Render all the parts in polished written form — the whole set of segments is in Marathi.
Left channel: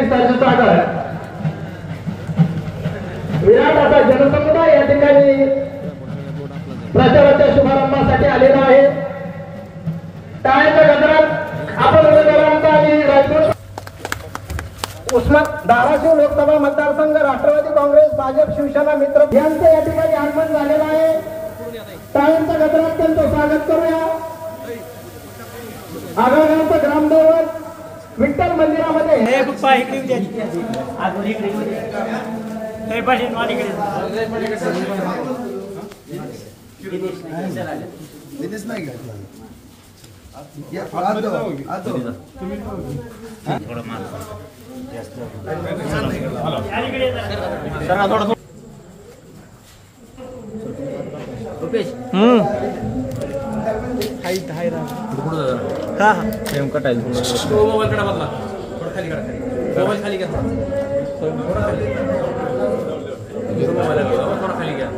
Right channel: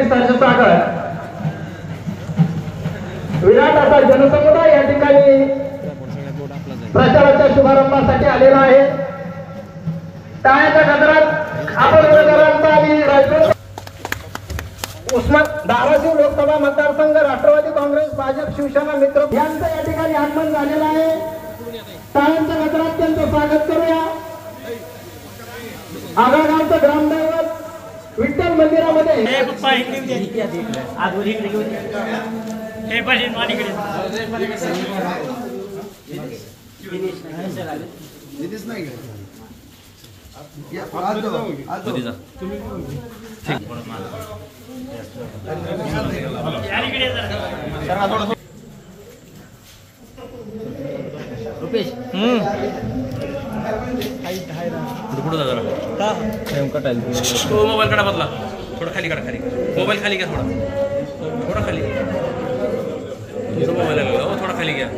ठिकाणी सरसागड विराट असा जनसमुदाय या ठिकाणी प्रचाराच्या शुभारंभासाठी आलेला आहे। टाळ्याच्या गजरात आपण उस्मान धाराशिव लोकसभा मतदारसंघ राष्ट्रवादी काँग्रेस भाजप शिवसेना मित्र यांचं या ठिकाणी आगमन झालेलं आहे। टाळ्यांच्या गजरात त्यांचं स्वागत करूया। आगरगावचं ग्रामदैवत विठ्ठल मंदिरामध्ये मोबाईल कडा बदला थोडा खाली करा, खाली मोबाईल खाली घ्या, थोडा खाली मोबाईल थोडा खाली घ्या।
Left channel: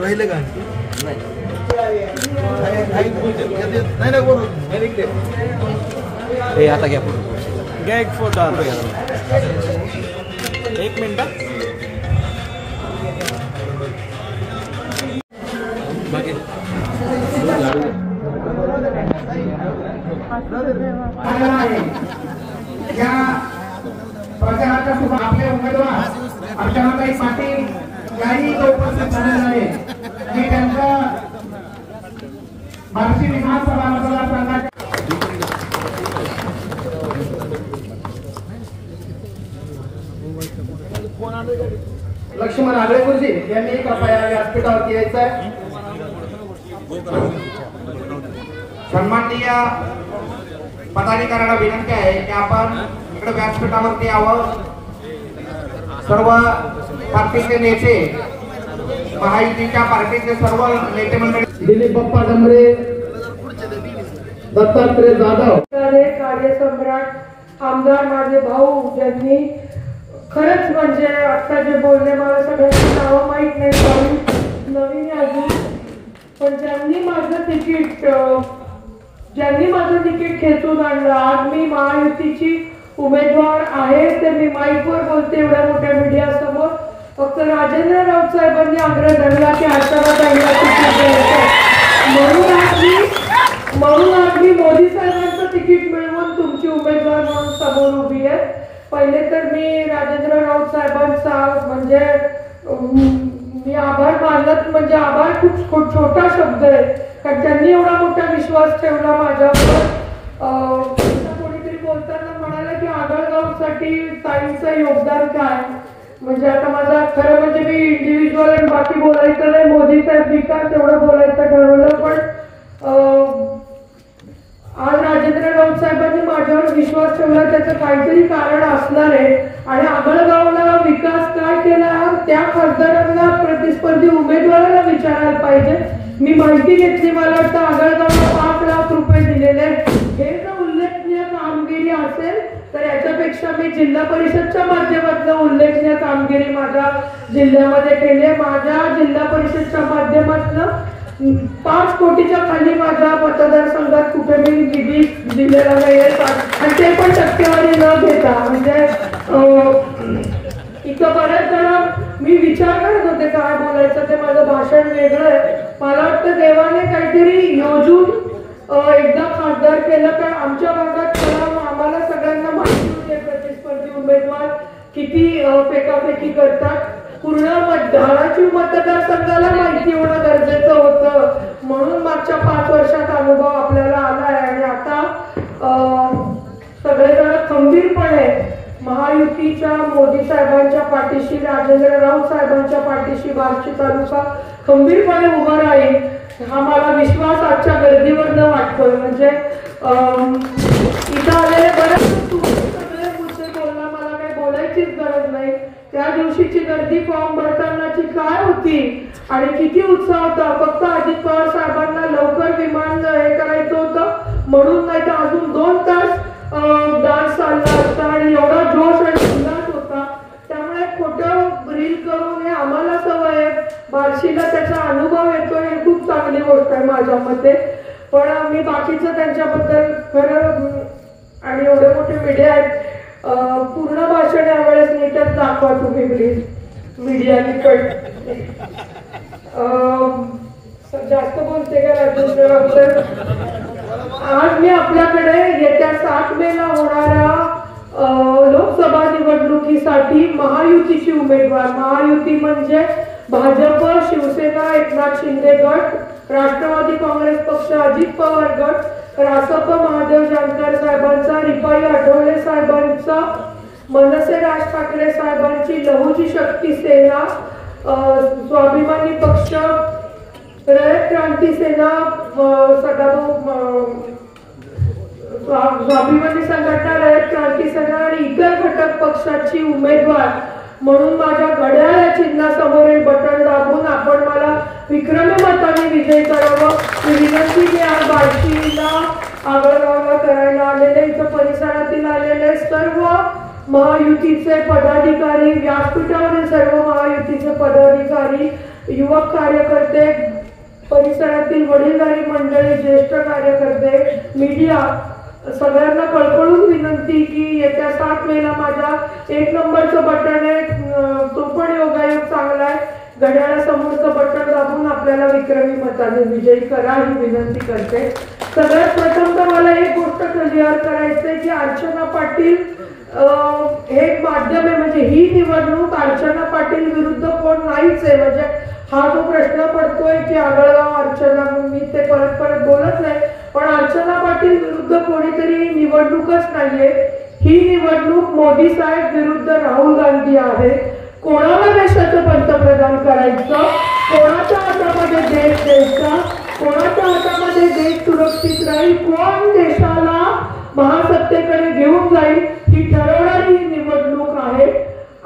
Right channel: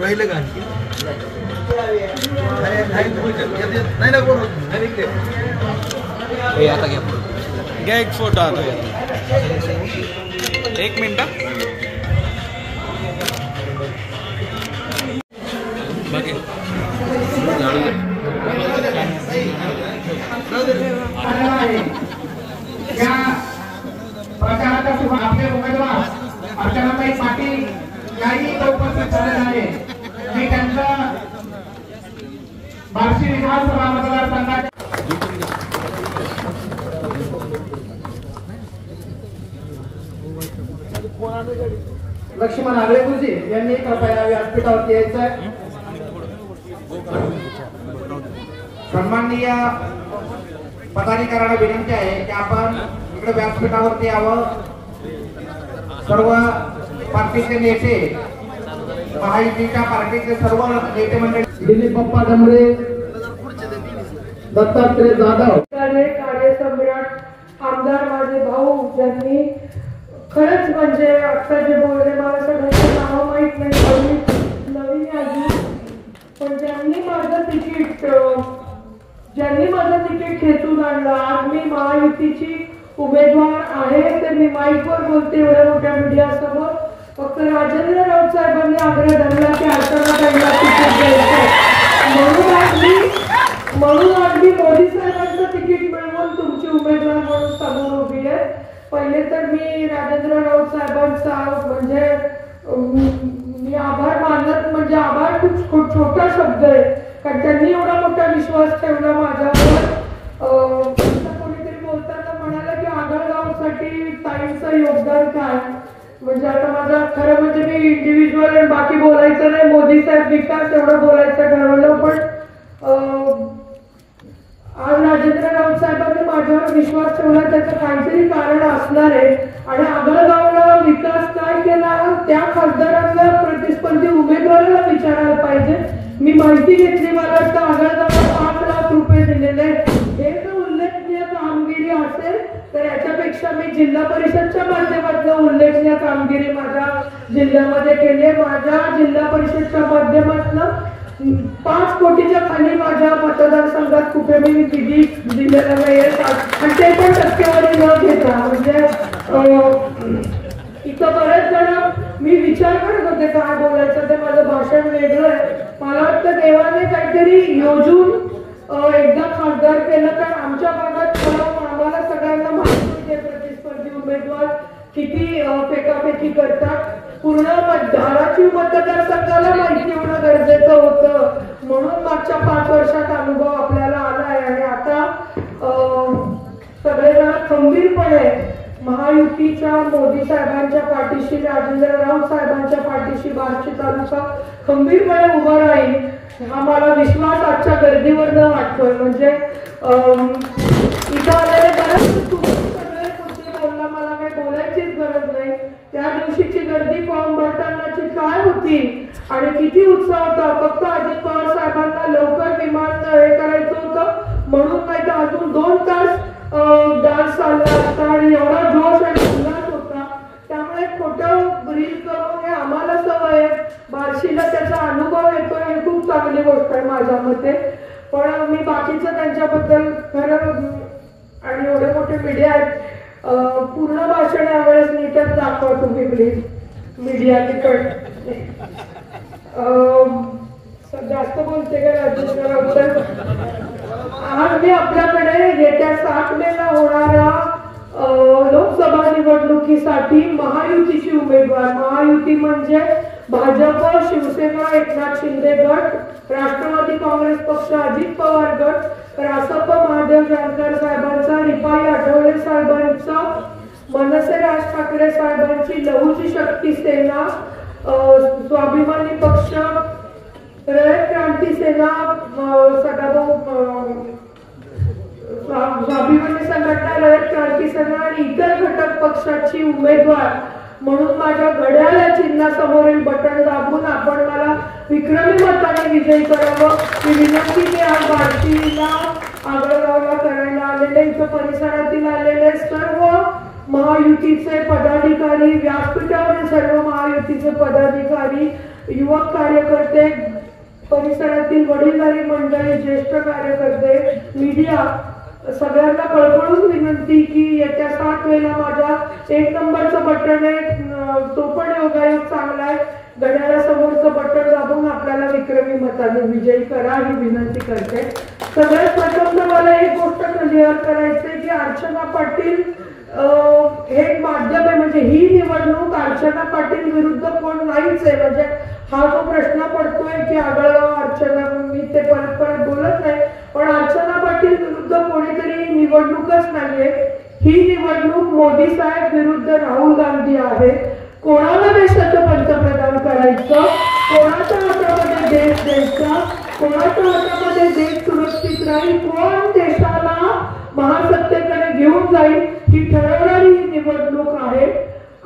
राहिले का नाही ना बरोबर आता घ्या एक फोटो आता एक मिनिट प्रचाराचा शुभ आपले उमेदवार अर्चनाताई पाटील याही उपस्थित झालेले आहे। मी त्यांचा बार्शी विधानसभा मतदारसंघात लक्ष्मण आगरेगुरुजी यांनी एका व्यासपीठावरती यायचं आहे। सन्माननीय पदाधिकाऱ्यांना विनंती आहे की आपण इकडे व्यासपीठावरती यावं। सर्व पार्टीचे नेते महायुतीच्या पार्टीचे सर्व नेते मंडळी दिलीप बाप्पा डमरे दत्तात्रय जाधव कार्यसम्राट आमदार माझे भाऊ ज्यांनी खरंच म्हणजे आता जे बोलले मला सगळ्यांची नावं माहीत नाही नवीन अजून पण ज्यांनी माझं तिकीट खेचून आणलं। आज मी महायुतीची उमेदवार आहे ते मी माईकवर बोलते एवढ्या मोठ्या मीडिया समोर। फक्त राजेंद्र राऊत साहेबांनी आग्रह धरला की आचारसंहिता म्हणून आज मी मोदी साहेबांचं तिकीट मिळवून तुमची उमेदवार म्हणून समोर उभी आहे। पहिले तर मी राजेंद्र राऊत साहेबांचा म्हणजे मी आभार मानत म्हणजे आभार खूप छोटा शब्द आहे कारण त्यांनी एवढा मोठा विश्वास ठेवला माझ्यावर। कोणीतरी बोलताना म्हणाला की आगळगावसाठी ताईंचं योगदान काय म्हणजे आता माझा खरं म्हणजे मी इंडिव्हिज्युअल आणि बाकी बोलायचं नाही मोदी साहेब विकास एवढं बोलायचं ठरवलं पण आज राजेंद्र राऊत साहेबांनी माझ्यावर विश्वास ठेवला त्याचं काहीतरी कारण असणार आहे आणि आगळगावला विकास काय केला त्या खासदारांना प्रतिस्पर्धी उमेदवाराला विचारायला पाहिजे। मी माहिती घेतली मला वाटतं आगळगावला 5 लाख रुपये दिलेले हे जर उल्लेखनीय कामगिरी असेल तर याच्यापेक्षा मी जिल्हा परिषदच्या माध्यमातून उल्लेखनीय कामगिरी माझ्या जिल्ह्यामध्ये केली। माझ्या जिल्हा परिषदच्या माध्यमातून 5 कोटीच्या खाली माझ्या मतदारसंघात कुठे मी निधी दिलेला नाही आणि ते पण टक्केवारी न घेता म्हणजे इथं बरेच जण मी विचार करत होते काय बोलायचं ते माझं भाषण वेगळं आहे। मला वाटतं देवाने काहीतरी योजून एकदा खासदार केलं तर आमच्या भागात आम्हाला सगळ्यांना माहिती होते प्रतिस्पर्धी उमेदवार किती फेकाफेकी करतात। पूर्ण धाराशिव मतदारसंघाला माहिती होणं गरजेचं होतं म्हणून मागच्या 5 वर्षात अनुभव आपल्याला आलाय आणि आता सगळेजण खंबीरपणे महायुतीच्या मोदी साहेबांच्या पाठीशी राजेंद्र राऊत साहेबांच्या पाठीशी बार्शी तालुका खंबीरपणे उभा राहील हा मला विश्वास आजच्या गर्दीवरनं वाटतोय। म्हणजे इथं आलेले बरेच सगळे मुद्दे बोलला मला काही बोलायचीच गरज नाही। त्या दिवशीची गर्दी फॉर्म भरतानाची काय होती आणि किती उत्साह फक्त अजित पवार साहेबांना लवकर विमान हे करायचं होतं म्हणून, नाही तर अजून 2 तास डान्स चालला असता आणि एवढा जोश आणि उल्हास होता. त्यामुळे खोटं रील करून हे आम्हाला सवय आहे. बार्शीला त्याचा अनुभव येतो हे खूप चांगली गोष्ट आहे माझ्या मते. पण मी बाकीचं त्यांच्याबद्दल खरं आणि एवढे मोठे मीडिया आहेत, पूर्ण भाषण यावेळेस नीटच दाखवा तुम्ही प्लीज मीडिया तिकड. जास्त बोलते का राजू? आज मी आपल्याकडे येत्या 7 मेला होणाऱ्या लोकसभा निवडणुकीसाठी महायुतीची उमेदवार, महायुती म्हणजे भाजप, शिवसेना, एकनाथ शिंदे गट, राष्ट्रवादी काँग्रेस पक्ष, अजित पवार गट, रासप महादेव जानकर साहेबांचा, रिपाई आठवले साहेबांचा, मनसे राज ठाकरे साहेबांची लहुजी शक्ती सेना, स्वाभिमानी पक्ष, रयत क्रांती सेना, स्वाभिमानी संघटना, रयत क्रांती सेना आणि इतर घटक पक्षाची उमेदवार म्हणून माझ्या घड्याळ चिन्हासमोरील बटन दाबून आपण मला विक्रमी मताने विजयी करावं ही विनंती मी आज बार्शीला आगळगावला करायला आलेले, इथं परिसरातील आलेले सर्व महायुतीचे पदाधिकारी, व्यासपीठावरील सर्व महायुतीचे पदाधिकारी, युवक कार्यकर्ते, परिसरातील वडीलधारी मंडळी, ज्येष्ठ कार्यकर्ते, मीडिया, सगळ्यांना कळकळून विनंती की येत्या 7 मेला माझ्या 1 नंबरचं बटन आहे, तो पण योगायोग चांगला आहे, घड्याळासमोरचं बटन दाबून आपल्याला विक्रमी मताने विजयी करा ही विनंती करते. सगळ्यात प्रथम तर मला एक गोष्ट क्लिअर करायचंय की अर्चना पाटील हे माध्यम आहे, म्हणजे ही निवडणूक अर्चना पाटील विरुद्ध कोण नाहीच आहे. म्हणजे हा जो प्रश्न पडतोय की आगळगाव अर्चना, मी ते परत बोलत नाही, पण अर्चना पाटील विरुद्ध कोणीतरी निवडणूकच नाहीये. ही निवडणूक मोदी साहेब विरुद्ध राहुल गांधी आहे. कोणाला देशाचं पंतप्रधान करायचं, कोणाच्या हातामध्ये देश द्यायचा, कोणाच्या हातामध्ये देश सुरक्षित राहील, कोण देशाला महासत्तेकडे घेऊन जाईल ही ठरवणारी ही निवडणूक आहे.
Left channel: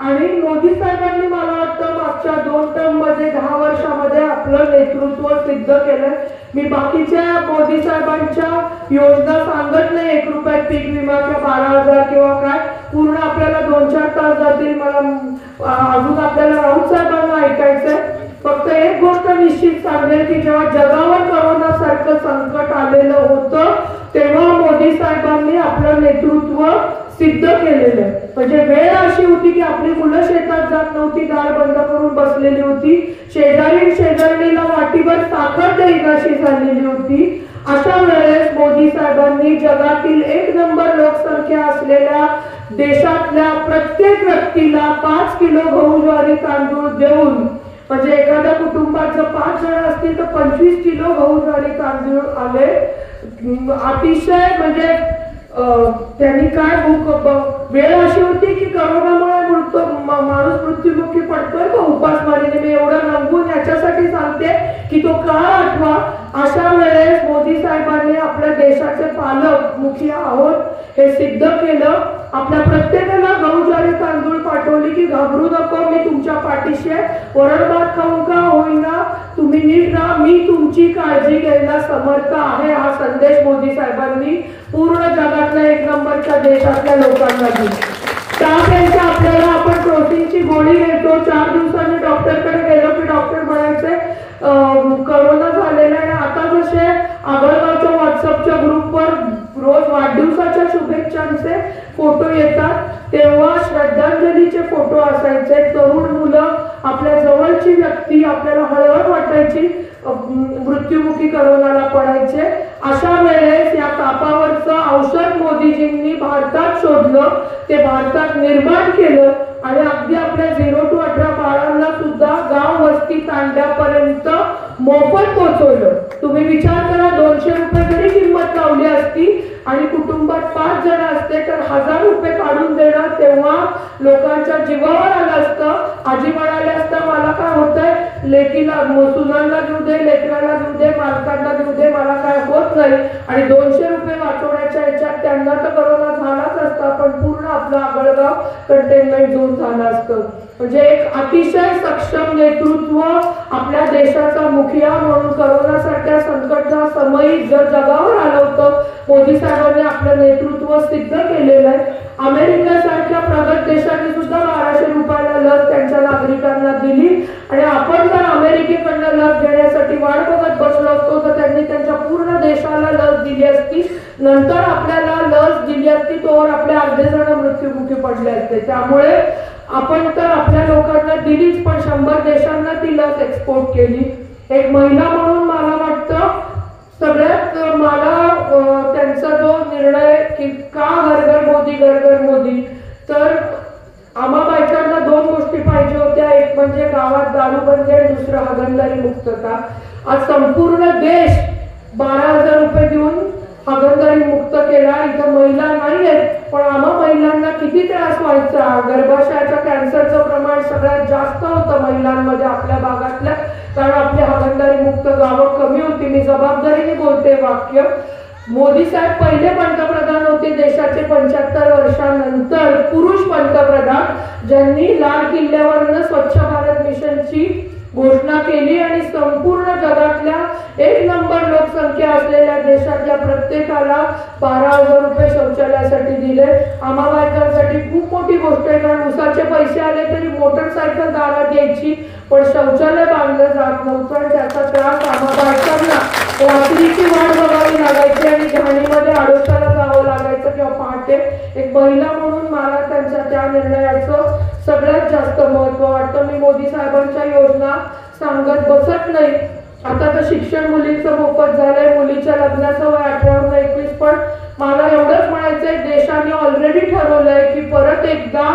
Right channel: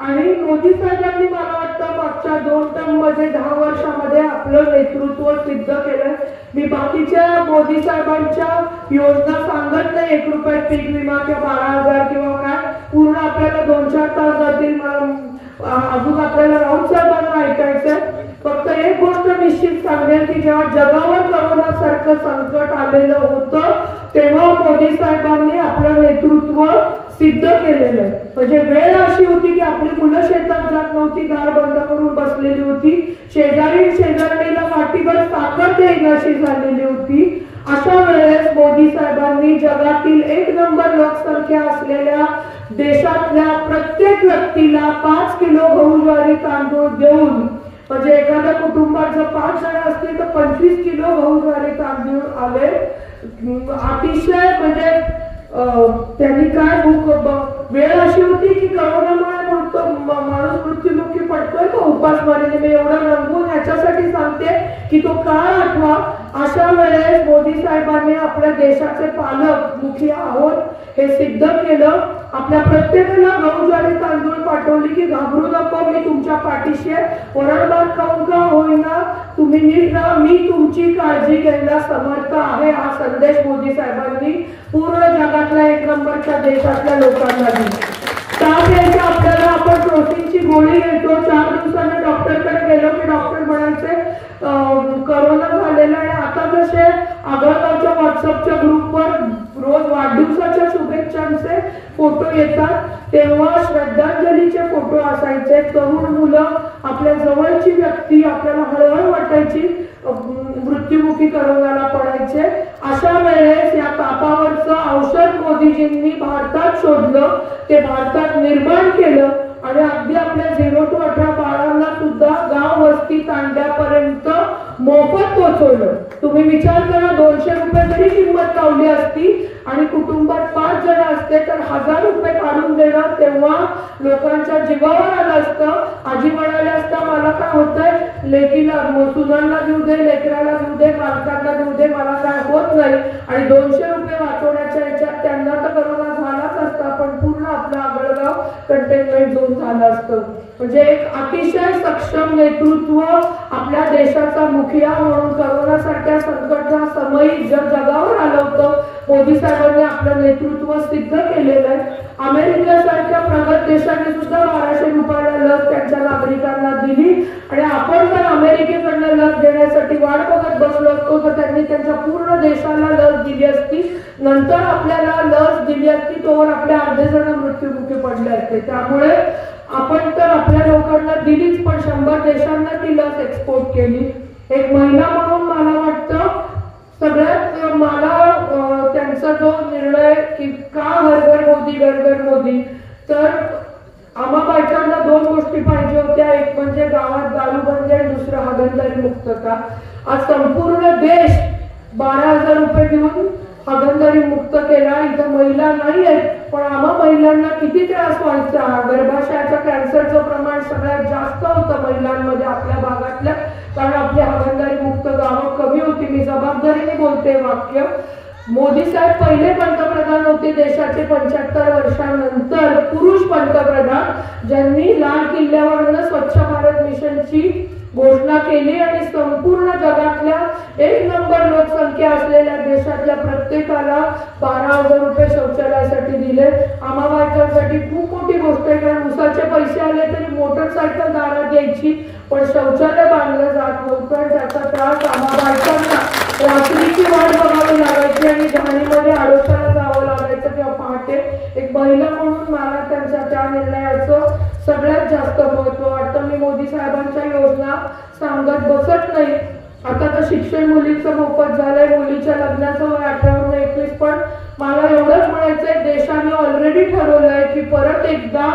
आणि मोदी साहेबांनी मला वाटतं मागच्या 2 टर्म मध्ये 10 वर्षामध्ये आपलं नेतृत्व सिद्ध केलं. मी बाकीच्या मोदी साहेबांच्या योजना सांगत नाही, 1 रुपयात पीक विमा किंवा 12,000 किंवा काय, पूर्ण आपल्याला 2-4 तास जातील. मला अजून आपल्याला राऊत साहेबांना ऐकायचंय. फक्त एक गोष्ट निश्चित सांगेल की जेव्हा जगावर कोरोना सारखं संकट आलेलं होतं तेव्हा मोदी साहेबांनी आपलं नेतृत्व सिद्ध केलेलं आहे. म्हणजे वेळ अशी होती की आपली मुलं शेतात जात नव्हती, दार बंद करून बसलेली होती, शेजारीला वाटीभर साखर देईनाशी झालेली होती. अशा वेळेस मोदी साहेबांनी जगातील 1 नंबर लोकसंख्या असलेल्या देशातल्या प्रत्येक व्यक्तीला 5 किलो गहू ज्वारी तांदूळ देऊन, म्हणजे एखाद्या कुटुंबात जर 5 जण असतील तर 25 किलो गहू ज्वारी तांदूळ आले. अतिशय म्हणजे त्यांनी काय वेळ अशी होती की करोनामुळे माणूस मृत्युमुखी पडतोय तो उपासमारीने. मी एवढा रंगून याच्यासाठी सांगते की तो काळ आठवा. अशा वेळेस मोदी साहेबांनी आपल्या देशाचे पालक मुखी आहोत हे सिद्ध केलं. आपल्या प्रत्येकाला गहू ज्वारी तांदूळ पाठवली की घाबरू नको, मी तुमच्या पाठीशी आहे, वरण भात खाऊन का होईना तुम्ही नीट राहा, मी तुमची काळजी घ्यायला समर्थ आहे. हा संदेश मोदी साहेबांनी पूर्ण जगातल्या 1 नंबरच्या देशातल्या लोकांना दिला. त्यापेक्षा आपल्याला आपण प्रोटीनची गोळी घेतो, 4 दिवसांनी डॉक्टरकडे गेलो की डॉक्टर म्हणायचे करोना झालेला आहे. आता जसे आगळगावच्या व्हॉट्सअपच्या ग्रुपवर रोज वाढदिवसाच्या शुभेच्छांचे फोटो येतात तेव्हा श्रद्धांजलीचे फोटो असायचे. तरुण मुलं, आपल्या जवळची व्यक्ती, आपल्याला हळहळ वाटायची, मृत्युमुखी करोनाला पडायचे. अशा वेळेस या तापावरचं औषध मोदीजींनी भारतात शोधलं, ते भारतात निर्माण केलं आणि अगदी आपल्या 0 to 18 बाळांना सुद्धा गाव वस्ती तांड्यापर्यंत मोफत पोहोचवलं. तुम्ही विचार करा, 200 रुपये जरी किंमत लावली असती आणि कुटुंबात 5 जण असते तर 1000 रुपये काढून देणार, तेव्हा लोकांच्या जीवावर आलं असतं. आजी म्हणाल्या असतं मला काय होतंय, लेकीला सुनांना देऊ दे, लेकराला देऊ दे, मालकांना देऊ दे, मला काय होत नाही. आणि 200 रुपये वाचवण्याच्या याच्यात त्यांना तर करोना झालाच असता, पण पूर्ण आपलं आगळगाव कंटेनमेंट झोन झालं असतं. म्हणजे एक अतिशय सक्षम नेतृत्व आपल्या देशाचा मुखिया म्हणून करोनासारख्या संकटच्या समयी जगावर आलं होतं. मोदी साहेबांनी आपलं नेतृत्व सिद्ध केलेलं आहे. अमेरिकेसारख्या प्रगत देशांनी सुद्धा 1200 रुपयाला लस त्यांच्या नागरिकांना दिली आणि आपण जर अमेरिकेकडनं लस देण्यासाठी वाट बघत बसलो असतो तर त्यांनी त्यांच्या पूर्ण देशाला लस दिली असती. नंतर आपल्याला लस दिली असती तोवर आपले अर्धे जण मृत्युमुखी पडले असते. त्यामुळे आपण तर आपल्या लोकांना दिलीच, पण 100 देशांना ती लस एक्सपोर्ट केली. एक महिला म्हणून मला वाटतं सगळ्यात मला त्यांचा जो निर्णय की का घर मोदी, तर आम्हा बायकांना 2 गोष्टी पाहिजे होत्या. एक म्हणजे गावात दारूबंदी आणि दुसरं हागणदारी मुक्तता. आज संपूर्ण देश 12,000 रुपये देऊन हागणदारी मुक्त केला. इथं महिला नाही आहेत, पण आम्हा महिलांना किती त्रास व्हायचा. गर्भाशयाच्या कॅन्सरचं प्रमाण सगळ्यात जास्त होतं महिलांमध्ये आपल्या भागातल्या, कारण आपली हागणदारी मुक्त गावं कमी होती. मी जबाबदारीने बोलते वाक्य. मोदी साहेब पहिले पंतप्रधान होते देशाचे 75 वर्षांनंतर पुरुष पंतप्रधान, ज्यांनी लाल किल्ल्यावरनं स्वच्छ भारत मिशनची घोषणा केली आणि संपूर्ण जगातल्या 1 नंबर लोकसंख्या असलेल्या देशातल्या प्रत्येकाला 12,000 रुपये शौचालयासाठी दिले. आम्हा बायकांसाठी खूप मोठी गोष्ट आहे, कारण उसाचे पैसे आले तरी मोटरसायकल दारात यायची, पण शौचालय बांधलं जात नव्हतं. त्याचा त्रास आम्हा बायकांना रात्रीची वाट बघावी लागायची आणि घाणीमध्ये आडोशाला जावं लागायचं किंवा पहाटे. एक महिला म्हणून मला त्यांच्या त्या निर्णयाचं सगळ्यात जास्त महत्व वाटतं. मी मोदी साहेबांच्या योजना सांगत बसत नाही. आता तर शिक्षण मुलीचं मोफत झालंय, मुलीच्या लग्नाचं वय 18 ते 21, पण मला एवढंच म्हणायचंय देशाने ऑलरेडी ठरवलंय की परत एकदा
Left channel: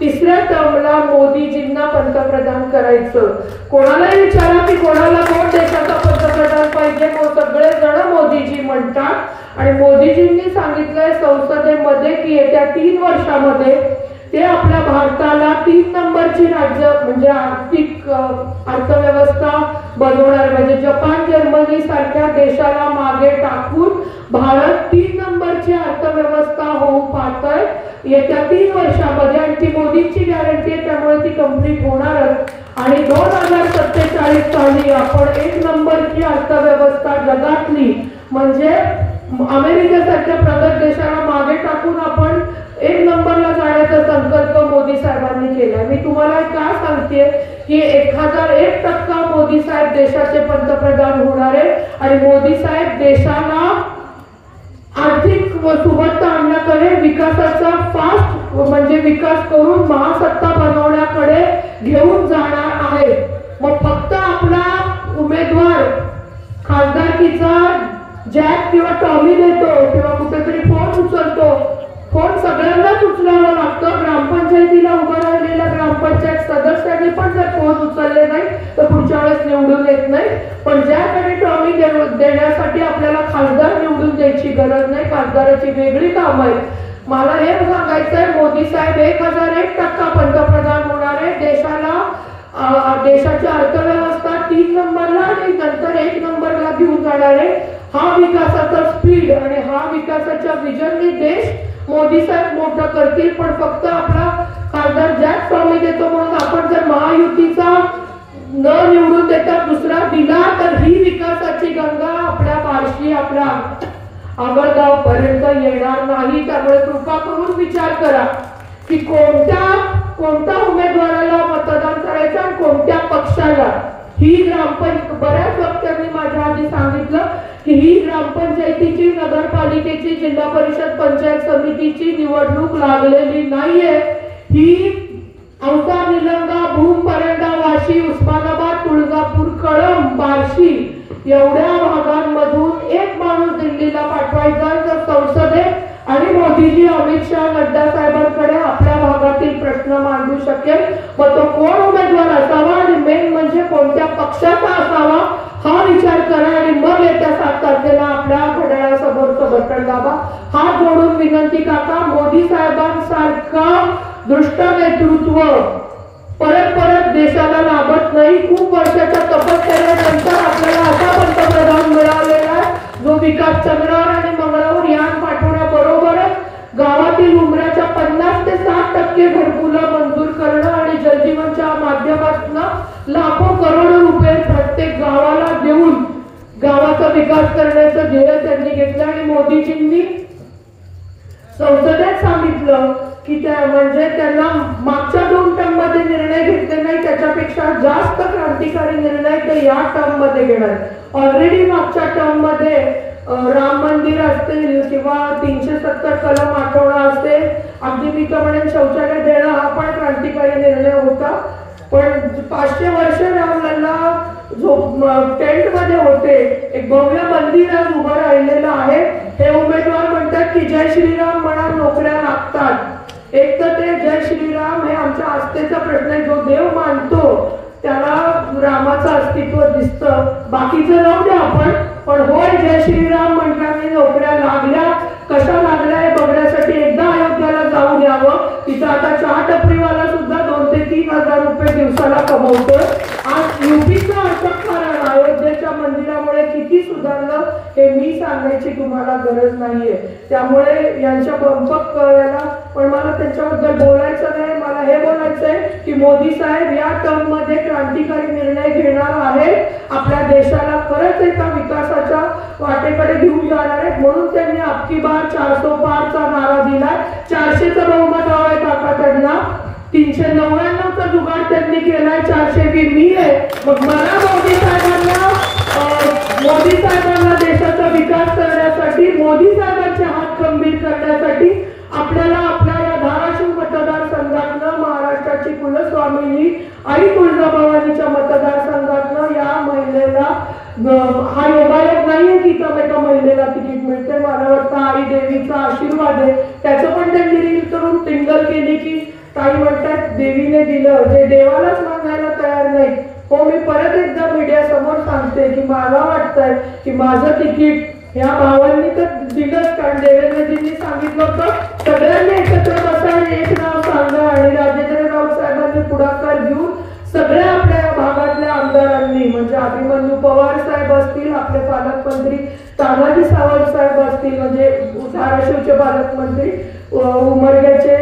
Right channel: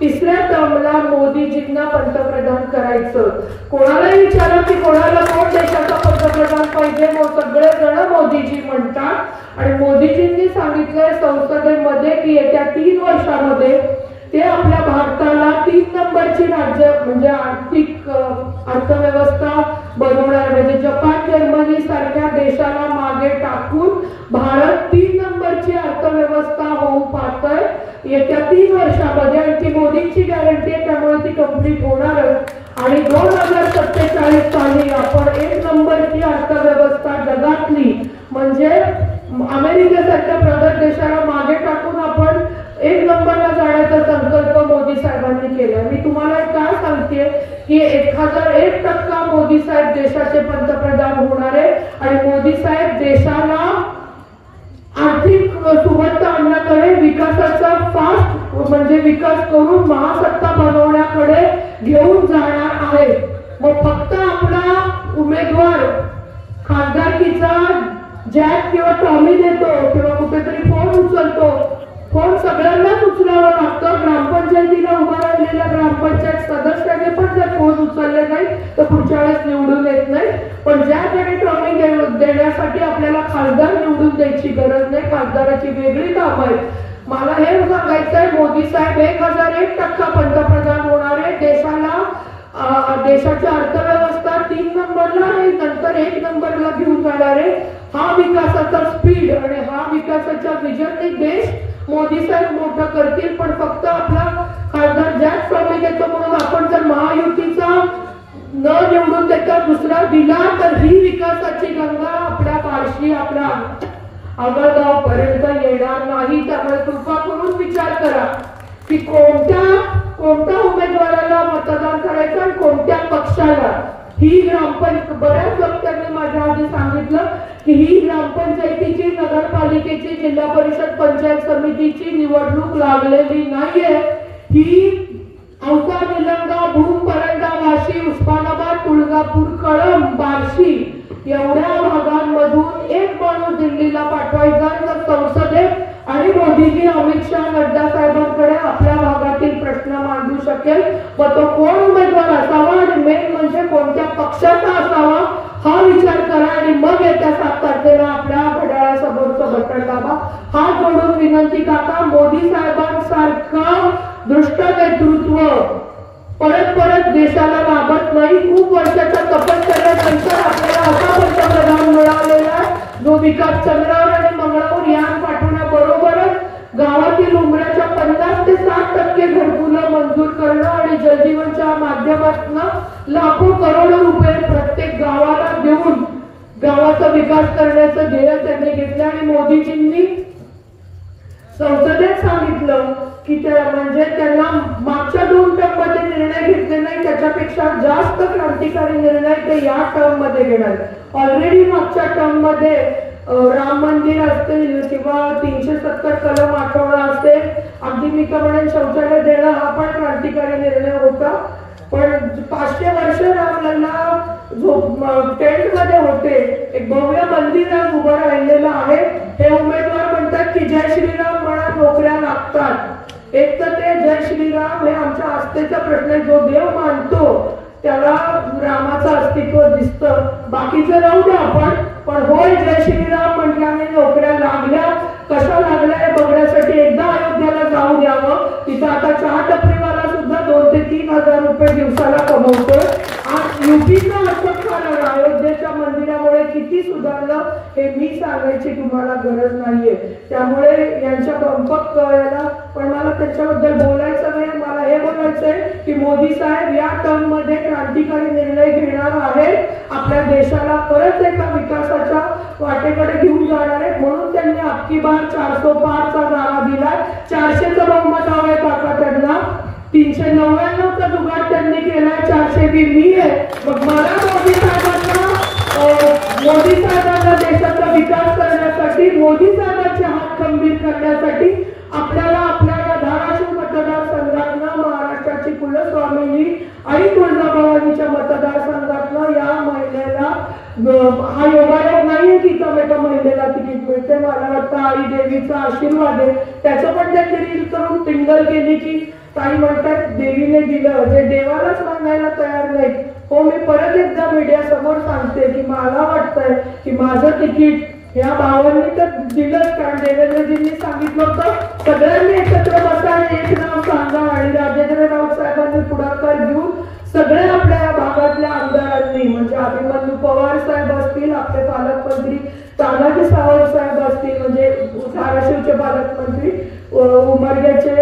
3ऱ्या टर्मला मोदीजींना पंतप्रधान करायचं. कोणालाही विचारा की कोणाला कोण देशाचा पंतप्रधान पाहिजे, सगळे जण मोदीजी म्हणतात. आणि मोदीजींनी सांगितलंय संसदेमध्ये की येत्या 3 वर्षामध्ये ते आपल्या भारताला 3 नंबरची राज्य म्हणजे आर्थिक अर्थव्यवस्था बनवणार. म्हणजे जपान, जर्मनी सारख्या देशाला मागे टाकून भारत 3 नंबरची अर्थव्यवस्था होऊ पाहतोय येत्या 3 वर्षामध्ये. आणि ती मोदींची गॅरंटी आहे, त्यामुळे ती कंप्लीट होणारच. आणि 2047 साली आपण 1 नंबरची अर्थव्यवस्था जगातली म्हणजे अमेरिकेसारख्या प्रगत देशाला मागे टाकून आपण 1 नंबरला जाण्याचा संकल्प मोदी साहेबांनी केला. मी तुम्हाला काय सांगते की 1001% मोदी साहेब देशाचे पंतप्रधान होणार आहे. आणि मोदी साहेब देशाला आर्थिक सुबत्ता आणण्याकडे, विकासाचा फास्ट म्हणजे विकास करून महासत्ता बनवण्याकडे घेऊन जाणार आहे. मग फक्त आपला उमेदवार खासदारकीचा जॅक किंवा टॉमी देतो किंवा कुठेतरी फोन उचलतो, फोन सगळ्यांनाच उचलावा लागतो. ग्रामपंचायतीला उभा राहिलेल्या ग्रामपंचायत सदस्यांनी पण जर फोन उचलले नाही तर पुढच्या वेळेस निवडून येत नाही. पण ज्याकडे टॉमी देण्यासाठी आपल्याला खासदार निवडून द्यायची गरज नाही, खासदाराची वेगळी काम आहे. मला हे सांगायचंय मोदी साहेब 1001% पंतप्रधान होणार आहे. देशाची अर्थव्यवस्था 3 नंबरला आणि नंतर 1 नंबरला घेऊन जाणार आहे. हा विकासाचा स्पीड आणि हा विकासाच्या विजनने देश मोदी साहेब मोठं करतील. पण फक्त आपला खासदार जॅक टॉमी देतो म्हणून आपण जर महायुतीचा न निवडून देता दुसरा दिला तर ही विकासाची गंगा आपल्या बार्शी, आपल्या आगळगाव पर्यंत येणार नाही. त्यामुळे कृपा करून विचार करा की कोणत्या उमेदवाराला मतदान करायचं आणि कोणत्या पक्षाला. ही ग्रामपंचायत बऱ्याच वक्त्यांनी माझ्या आधी सांगितलं की ही ग्रामपंचायतीची, नगरपालिकेची, जिल्हा परिषद, पंचायत समितीची निवडणूक लागलेली नाहीये. ही औसा, निलंगा, भूम, परंडा, वाशी, उस्मानाबाद, तुळजापूर, कळंब, बार्शी एवढ्या भागांमधून एक माणूस दिल्लीला पाठवायचा तर संसदेत आणि मोदीजी, अमित शहा, नड्डा साहेबांकडे आपल्या भागातील प्रश्न मांडू शकेल. मग तो कोण उमेदवार असावा आणि मेन म्हणजे कोणत्या पक्षाचा असावा हा विचार करा. आणि मग येत्या 7 तारखेला आपल्या घड्याळासमोरचं बटन दाबा. हात जोडून विनंती काका, मोदी साहेबांसारखा दृष्ट नेतृत्व परत देशाला लाभत नाही. खूप वर्षाच्या तपश्चर्येनंतर आपल्याला असा पंतप्रधान मिळालेला जो विकास चंद्रावर आणि मंगळावर यान पाठवण्याबरोबरच गावातील उमऱ्याच्या 50 ते 60% घरकुलं मंजूर करणं आणि जलजीवन गावाचा विकास करण्याचं ध्येय त्यांनी घेतलं आणि मोदीजींनी संसदेत सांगितलं की त्या म्हणजे त्यांना मागच्या 2 टर्म मध्ये निर्णय घेतले नाही, त्याच्यापेक्षा जास्त क्रांतिकारी निर्णय ते या टर्म मध्ये घेणार। ऑलरेडी मागच्या टर्म मध्ये राम मंदिर असतील किंवा 370 कलम आठवणं असेल, अगदी मी का म्हणेन शौचालय देणं हा पण क्रांतिकारी निर्णय होता। पण 500 वर्ष रामलल्ला जो टेंट मध्ये होते, एक भव्य मंदिर उभं राहिलेलं आहे। हे उमेदवार म्हणतात की जय श्रीराम म्हणा नोकऱ्या लागतात। एक तर ते जय श्रीराम हे आमच्या आस्थेचा प्रश्न आहे, जो देव मानतो त्याला रामाचं अस्तित्व दिसतं, बाकीचं जाऊ द्या आपण, पण होय जय श्रीराम म्हटल्याने नोकऱ्या लागल्या, कशा लागल्या हे बघण्यासाठी एकदा अयोध्येला जाऊ द्यावं। तिथं आता चहा टपरीवाला सुद्धा 2 ते 3 हजार रुपये दिवसाला कमवतोय। आज युपीचं अटक कारण अयोध्येच्या मंदिरामुळे किती सुधारलं हे मी सांगायची तुम्हाला गरज नाहीये, त्यामुळे यांच्या पंपक याला पण मला त्याच्याबद्दल बोलायचं नाही। मला हे बोलायचंय की मोदी साहेब या टर्म मध्ये क्रांतिकारी निर्णय घेणार आहे, आपल्या देशाला परत एका विकासाच्या वाटेकडे घेऊन जाणार आहे। म्हणून त्यांनी अबकी बार 400 पारचा नारा दिला। 400चं बहुमत हवंय काका त्यांना, 399चा जुगाड त्यांनी केलाय, 420 मी आहे। मग मला मोदी साहेबांना देशाचा विकास करण्यासाठी, मोदी साहेबांचे हात खंबीर करण्यासाठी आपल्याला आपल्या धाराशिव मतदारसंघातनं महाराष्ट्राची कुलस्वामिनी आणि तुळजाभवानीच्या मतदारसंघातनं या महिलेला हा योगायोग नाहीये की एका महिलेला तिकीट मिळते। मला वाटतं आई देवीचा आशीर्वाद आहे, त्याचं पण त्यांनी रील करून टिंगल केली की काही म्हणतात देवीने दिलं, जे देवालाच मागायला तयार नाही। हो, मी परत एकदा मीडिया समोर सांगते की मला वाटतंय की माझं तिकीट या भावांनी तर दिलंच, कारण देवेंद्रजींनी सांगितलं होतं सगळ्यांनी एकत्र बसा, एक नाव सांगा, आणि राजेंद्र राऊत साहेबांनी पुढाकार घेऊन सगळ्या आपल्या भागातल्या आमदारांनी म्हणजे अभिमन्यू पवार साहेब असतील, आपले पालकमंत्री तानाजी सावंत साहेब असतील, म्हणजे धाराशिवचे पालकमंत्री, उमरग्याचे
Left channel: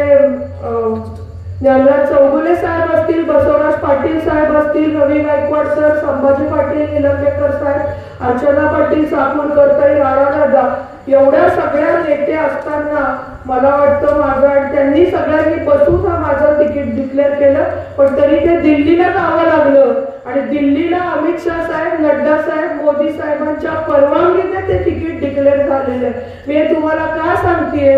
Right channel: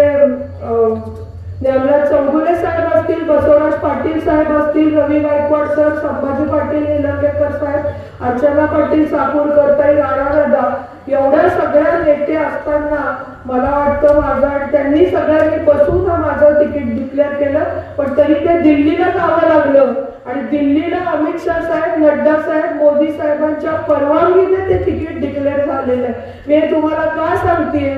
ज्ञानराज चौगुले साहेब असतील, बसवराज पाटील साहेब असतील, रवी गायकवाड सर, संभाजी पाटील निलंगेकर साहेब, अर्चना पाटील साकूरकर, राणा, एवढ्या सगळ्या नेते असताना मला वाटतं माझं त्यांनी सगळ्यांनी बसून माझं तिकीट डिक्लेअर केलं, पण तरी ते दिल्लीला जावं लागलं। आणि दिल्लीला अमित शाह साहेब, नड्डा साहेब, मोदी साहेबांच्या परवानगीने ते तिकीट डिक्लेअर झालेलं आहे। मी तुम्हाला का सांगतेय,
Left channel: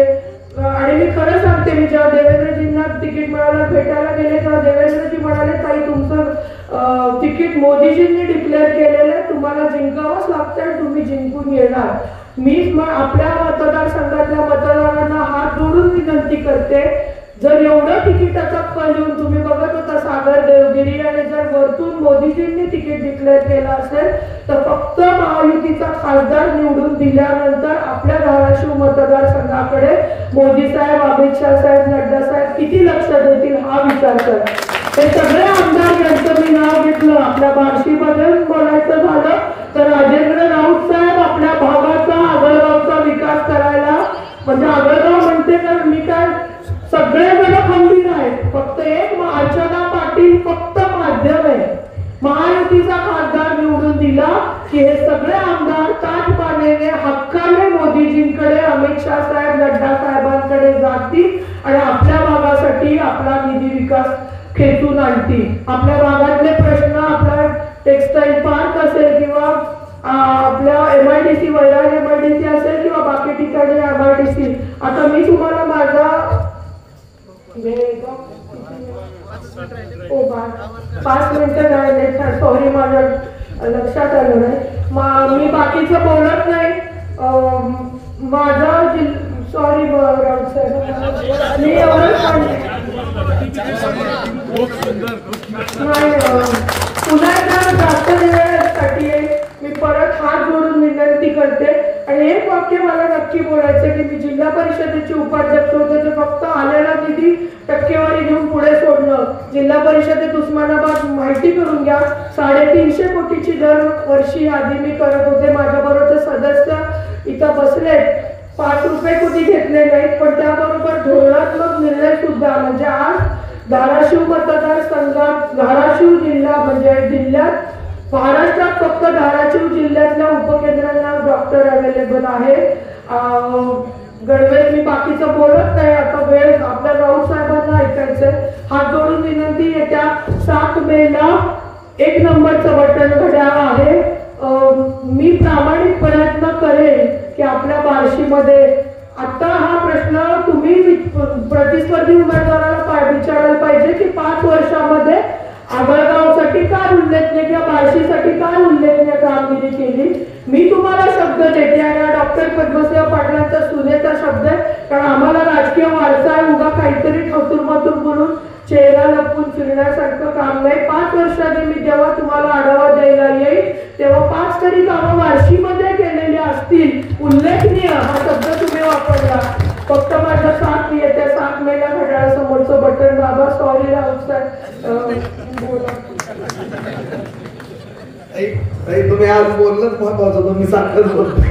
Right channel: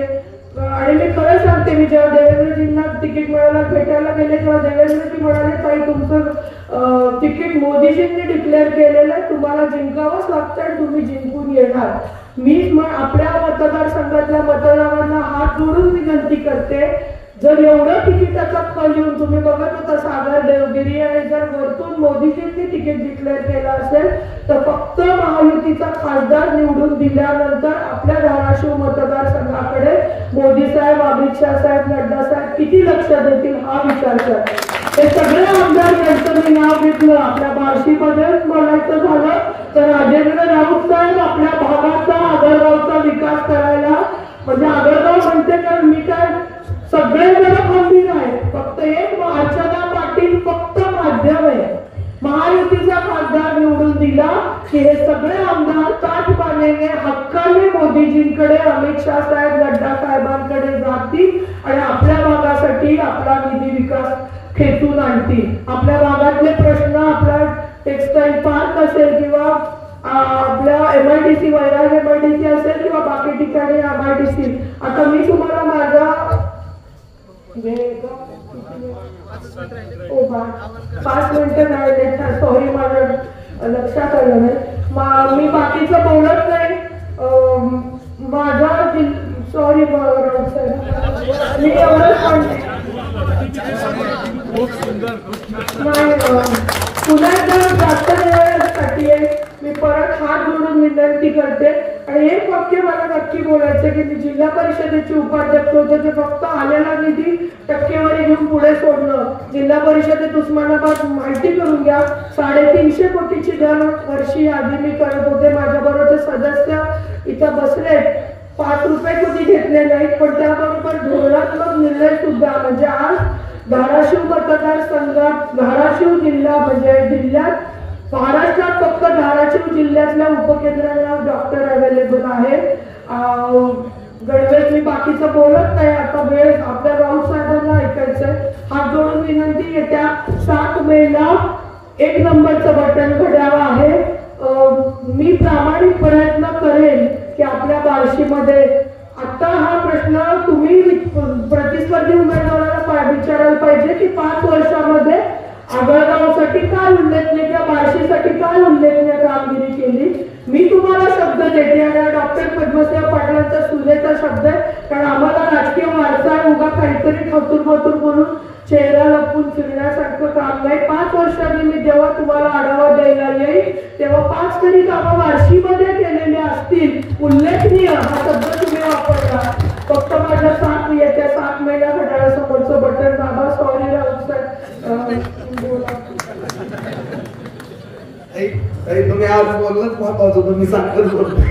आणि मी खरं सांगते, मी जेव्हा देवेंद्रजींना तिकीट मिळालं भेटायला गेले तेव्हा देवेंद्रजी म्हणाले ताई तुमचं तिकीट मोदीजींनी डिक्लेअर केलेलं आहे, तुम्हाला जिंकावंच लागतं आणि तुम्ही जिंकून येणार। मी आपल्या मतदारसंघातल्या मतदारांना हात जोडून विनंती करते, जर एवढं तिकिटाचा कल येऊन तुम्ही बघत होता सागर देवगिरी, आणि जर वरतून मोदीजींनी तिकीट डिक्लेअर केलं असेल तर फक्त महायुतीचा खासदार निवडून दिल्यानंतर आपल्या धाराशिव मतदारसंघाकडे मोदी साहेब, अमित शाह साहेब, नड्डा साहेब किती लक्ष देतील हा विचार करा। ते सगळे आमदार यांचं मी नाव घेतलं, आपल्या बार्शीमध्ये बोलायचं झालं तर राजेंद्र राऊत साहेब आपल्या भागाचा आगळगावचा विकास करायला, म्हणजे आगळगाव म्हणते तर मी काय सगळेजण खंबीर आहेत, फक्त एक अर्चना पाटील फक्त माध्यम आहे। महायुतीचा खासदार निवडून दिला की हे सगळे आमदार ताठपाण्याने हक्काने मोदीजींकडे, अमित शाह साहेब, नड्डा साहेबांकडे जातील आणि आपल्या भागासाठी आपला निधी विकास खेचून आणतील। आपल्या भागातले प्रश्न, आपला टेक्सटाईल पार्क असेल किंवा आपल्या MIDC वैराग MIDC असेल किंवा बाकी ठिकाणी MIDC, आता मी तुम्हाला माझा 5 मिनिटं नाही, सॉरी माझ्या लक्षात आलं नाही, मी बाकीचं बोलत नाही। माझा सॉरी मी पुण्यात जास्त वेळेसाठी मी परत हात जोडून विनंती करते, आणि एक वाक्य मला नक्की बोलायचं की मी जिल्हा परिषदेचे उपाध्यक्ष होते, ते फक्त आलेला निधी टक्केवारी घेऊन पुढे सोडणं। जिल्हा परिषदेत उस्मानाबाद माहिती करून घ्या, 350 कोटीची दर वर्षी आधी मी करत होते, माझ्या बरोबरचे सदस्य इथं बसले, 5 रुपये कोटी घेतलेले आहेत, पण त्याबरोबर धोरणात्मक निर्णय सुद्धा, म्हणजे आज धाराशिव मतदारसंघात, धाराशिव जिल्हा म्हणजे जिल्ह्यात, महाराष्ट्रात फक्त धाराशिव जिल्ह्यातल्या उपकेंद्रांना गणवेश मी बाकीचं बोलत नाही, आता वेळ आपल्या राऊत साहेबांना ऐकायचंय. हात जोडून विनंती, येत्या 7 मेला 1 नंबरचं बटन घड्याळ आहे. मी प्रामाणिक प्रयत्न करेन की आपल्या बार्शीमध्ये आता हा प्रश्न तुम्ही प्रतिस्पर्धी उमेदवाराला विचारायला पाहिजे की 5 वर्षामध्ये आगळगावसाठी काय उल्लेखनीय किंवा बार्शीसाठी काय उल्लेखनीय कामगिरी केली. मी तुम्हाला शब्द देते आणि डॉक्टर पद्मसेव पाटलांचा सुनेचा शब्द आहे, कारण आम्हाला राजकीय वारसा उगा काहीतरी खतूर म्हणून चेहरा लपवून फिरण्यासारखं काम नाही. 5 वर्षांनी मी जेव्हा तुम्हाला आढावा द्यायला येईल तेव्हा 5 तरी कामं बार्शीमध्ये केलेली असतील उल्लेखनीय हा शब्द तुम्ही वापरला. फक्त माझ्या 7 येत्या 7 मेला घड्याळासमोरचं बटन दाबा. सॉरी तुम्ही आज बोललंच महत्वाचं, तुम्ही साखर बोलतो.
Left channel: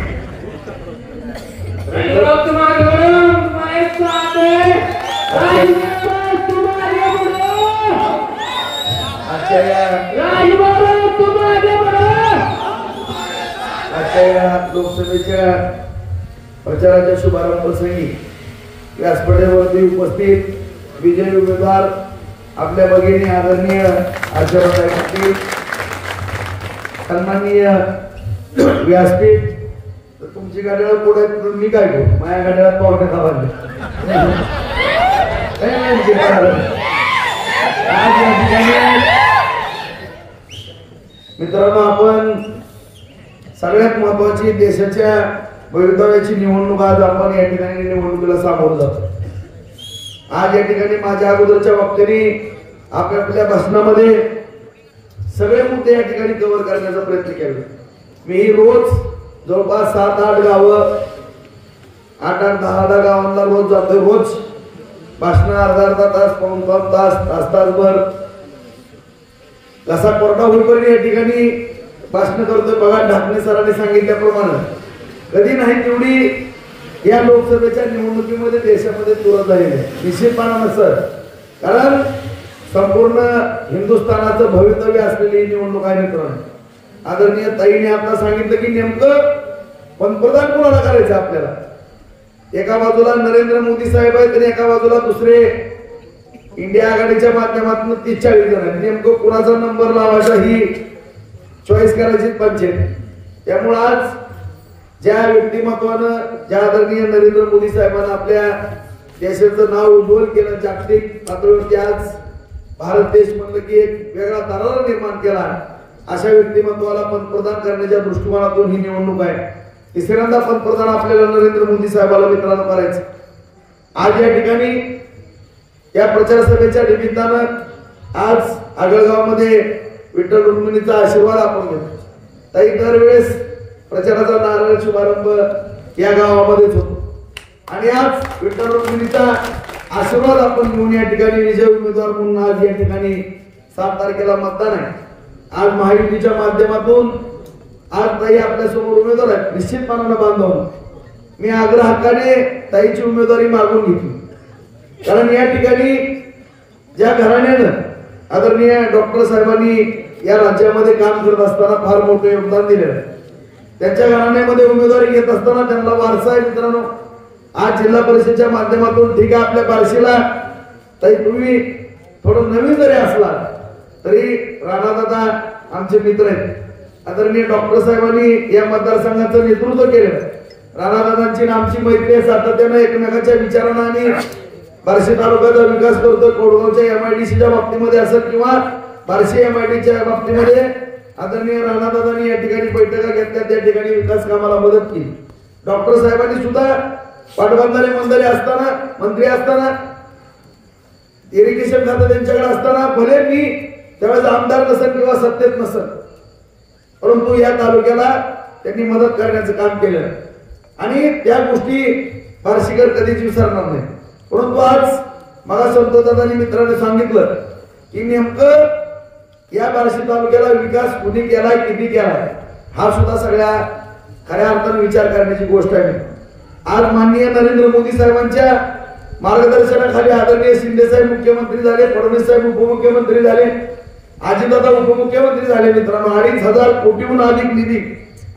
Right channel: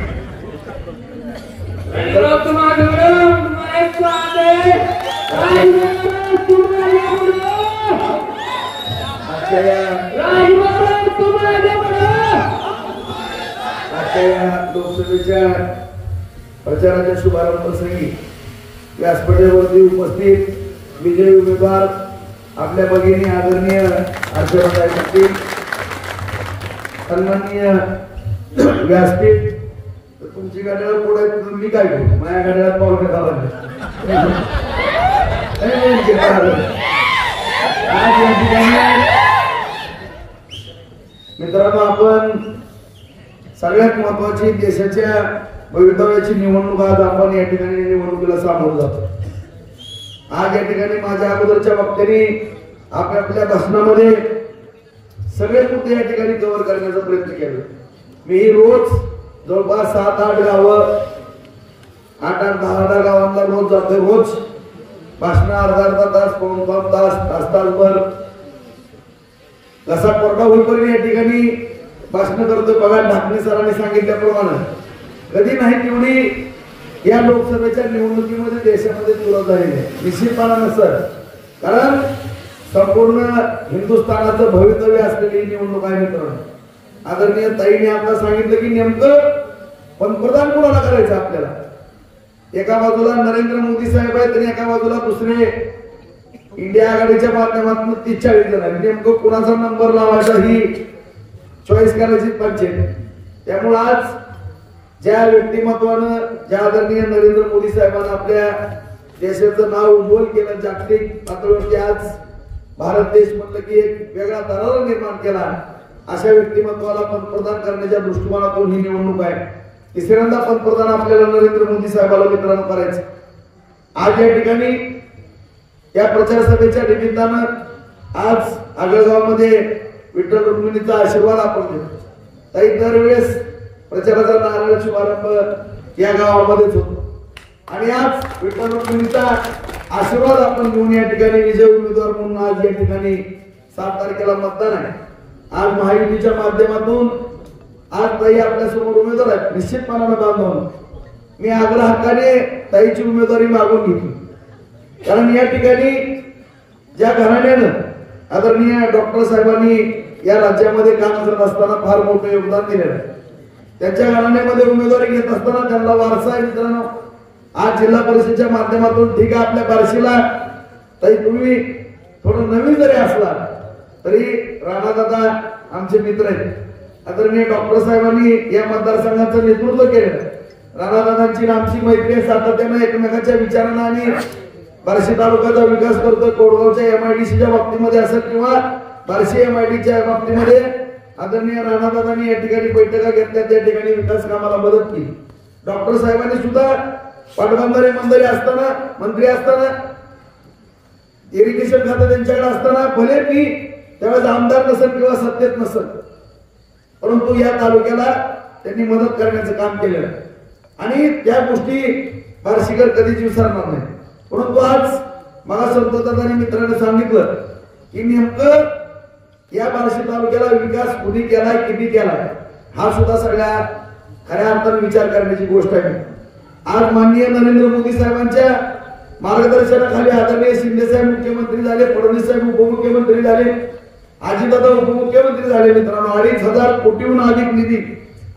लोकसभेच्या प्रचाराच्या शुभारंभ प्रसंगी व्यासपीठावरती उपस्थित विजयी उमेदवार आपल्या भगिनी आदरणीय आशीर्वाद पाटील, सन्माननीय व्यासपीठ. तुमची गाड्या पुढे मी काय करू, माझ्या गाड्याला पावणे खावा. मित्रांनो, आपण सगळ्यात महत्वाची देशाच्या भवितव्याची निवडणूक आज आपण या ठिकाणी निवडणुकीला सामोरं जातो. आज या ठिकाणी माझ्या अगोदरच्या वक्त्यांनी आपल्या भाषणामध्ये सगळे मुद्दे या ठिकाणी कव्हर करण्याचा प्रयत्न केला. मी रोज जवळपास 7-8 गावं, 8-10 गावांना रोज जातो. रोज भाषण अर्धा तास, पाऊण तासभर कसा कोरडा होईपर्यंत या ठिकाणी भाषण करतोय. बघा, ढाकणे सरांनी सांगितल्याप्रमाणे कधी नाही तेवढी या लोकसभेच्या निवडणुकीमध्ये देशामध्ये तुरंत झालेली आहे. निश्चितपणानं सर, कारण संपूर्ण हिंदुस्थानाचं भवितव्य असलेली निवडणूक आहे. मित्रांनो, आदरणीय ताईने आपल्याला सांगितलं की नेमकं पंतप्रधान कोणाला करायचं आपल्याला. एका बाजूला नरेंद्र मोदी साहेब आहेत आणि एका बाजूला दुसरे इंडिया आघाडीच्या माध्यमातून 43 जण आहेत. नेमकं कोणाचा नंबर लावायचा ही चॉईस करायची पंचायत. त्यामुळे आज ज्या व्यक्तिमत्वानं, ज्या आदरणीय नरेंद्र मोदी साहेबांना आपल्या देशाचं नाव उज्ज्वल केलं, जागतिक पातळीवरती आज भारत देश म्हणलं की एक वेगळा दरारा निर्माण केला, अशा व्यक्तिमत्वाला पंतप्रधान करण्याच्या दृष्टिकोनातून ही निवडणूक आहे. तिसऱ्यांदा पंतप्रधान आपल्याला नरेंद्र मोदी साहेबाला मित्रांनो करायचं. आज या ठिकाणी या प्रचार सभेच्या निमित्तानं आज आगळगावमध्ये विठ्ठल रुक्मिणीचा आशीर्वाद आपण घेतो. ताई, दरवेळेस प्रचाराचा नारळ शुभारंभ या गावामध्येच होतो आणि आज विठ्ठल रुक्मिणीचा आशीर्वाद आपण घेऊन या ठिकाणी विजय उमेदवार म्हणून आज या ठिकाणी 7 तारखेला मतदान आहे. आज महायुतीच्या माध्यमातून आज ताई आपल्या समोर उमेदवार आहेत. निश्चितपणानं बांधव मी आग्रह हक्काने ताईची उमेदवारी मागून घेतली, कारण या ठिकाणी ज्या घराण्यानं आदरणीय डॉक्टर साहेबांनी या राज्यामध्ये काम करत असताना फार मोठं योगदान दिलेलं आहे, त्यांच्या घराण्यामध्ये उमेदवारी घेत असताना त्यांना वारसा आहे. मित्रांनो, आज जिल्हा परिषदेच्या माध्यमातून ठीक आहे आपल्या बार्शीला ताई तुम्ही थोडं नवीन जरी असला तरी राणादादा आमचे मित्र आहेत. आदरणीय डॉक्टर साहेबांनी या मतदारसंघाचं नेतृत्व केलेलं. राणादादांची आमची मैत्री आहे, सातत्यानं एकमेकांच्या विचारांना आणि बार्शी तालुक्याचा विकास करतोय. कोडगावच्या MIDCच्या बाबतीमध्ये असं किंवा बार्शी MIDCच्या बाबतीमध्ये आदरणीय राणादादांनी या ठिकाणी बैठका घेतल्या, त्या ठिकाणी विकास कामाला मदत केली. डॉक्टर साहेबांनी सुद्धा पाटबंधारे मंत्री असताना इरिगेशन खातं त्यांच्याकडे असताना, भले मी त्यावेळेस आमदार नसेल किंवा सत्तेत नसेल, परंतु या तालुक्याला त्यांनी मदत करण्याचं काम केलं आणि त्या गोष्टी बार्शीकर कधीच विसरणार नाही. परंतु आज मला संतदादांनी मित्रांनी सांगितलं की नेमकं या बार्शी तालुक्याला विकास कुणी केलाय, किती केलाय, हा सुद्धा सगळ्या खऱ्या अर्थानं विचार करण्याची गोष्ट आहे. आज माननीय नरेंद्र मोदी साहेबांच्या मार्गदर्शनाखाली आदरणीय शिंदे साहेब मुख्यमंत्री झाले, फडणवीस साहेब उपमुख्यमंत्री झाले, अजितदादा उपमुख्यमंत्री झाले. मित्रांनो, 2500 कोटीहून अधिक निधी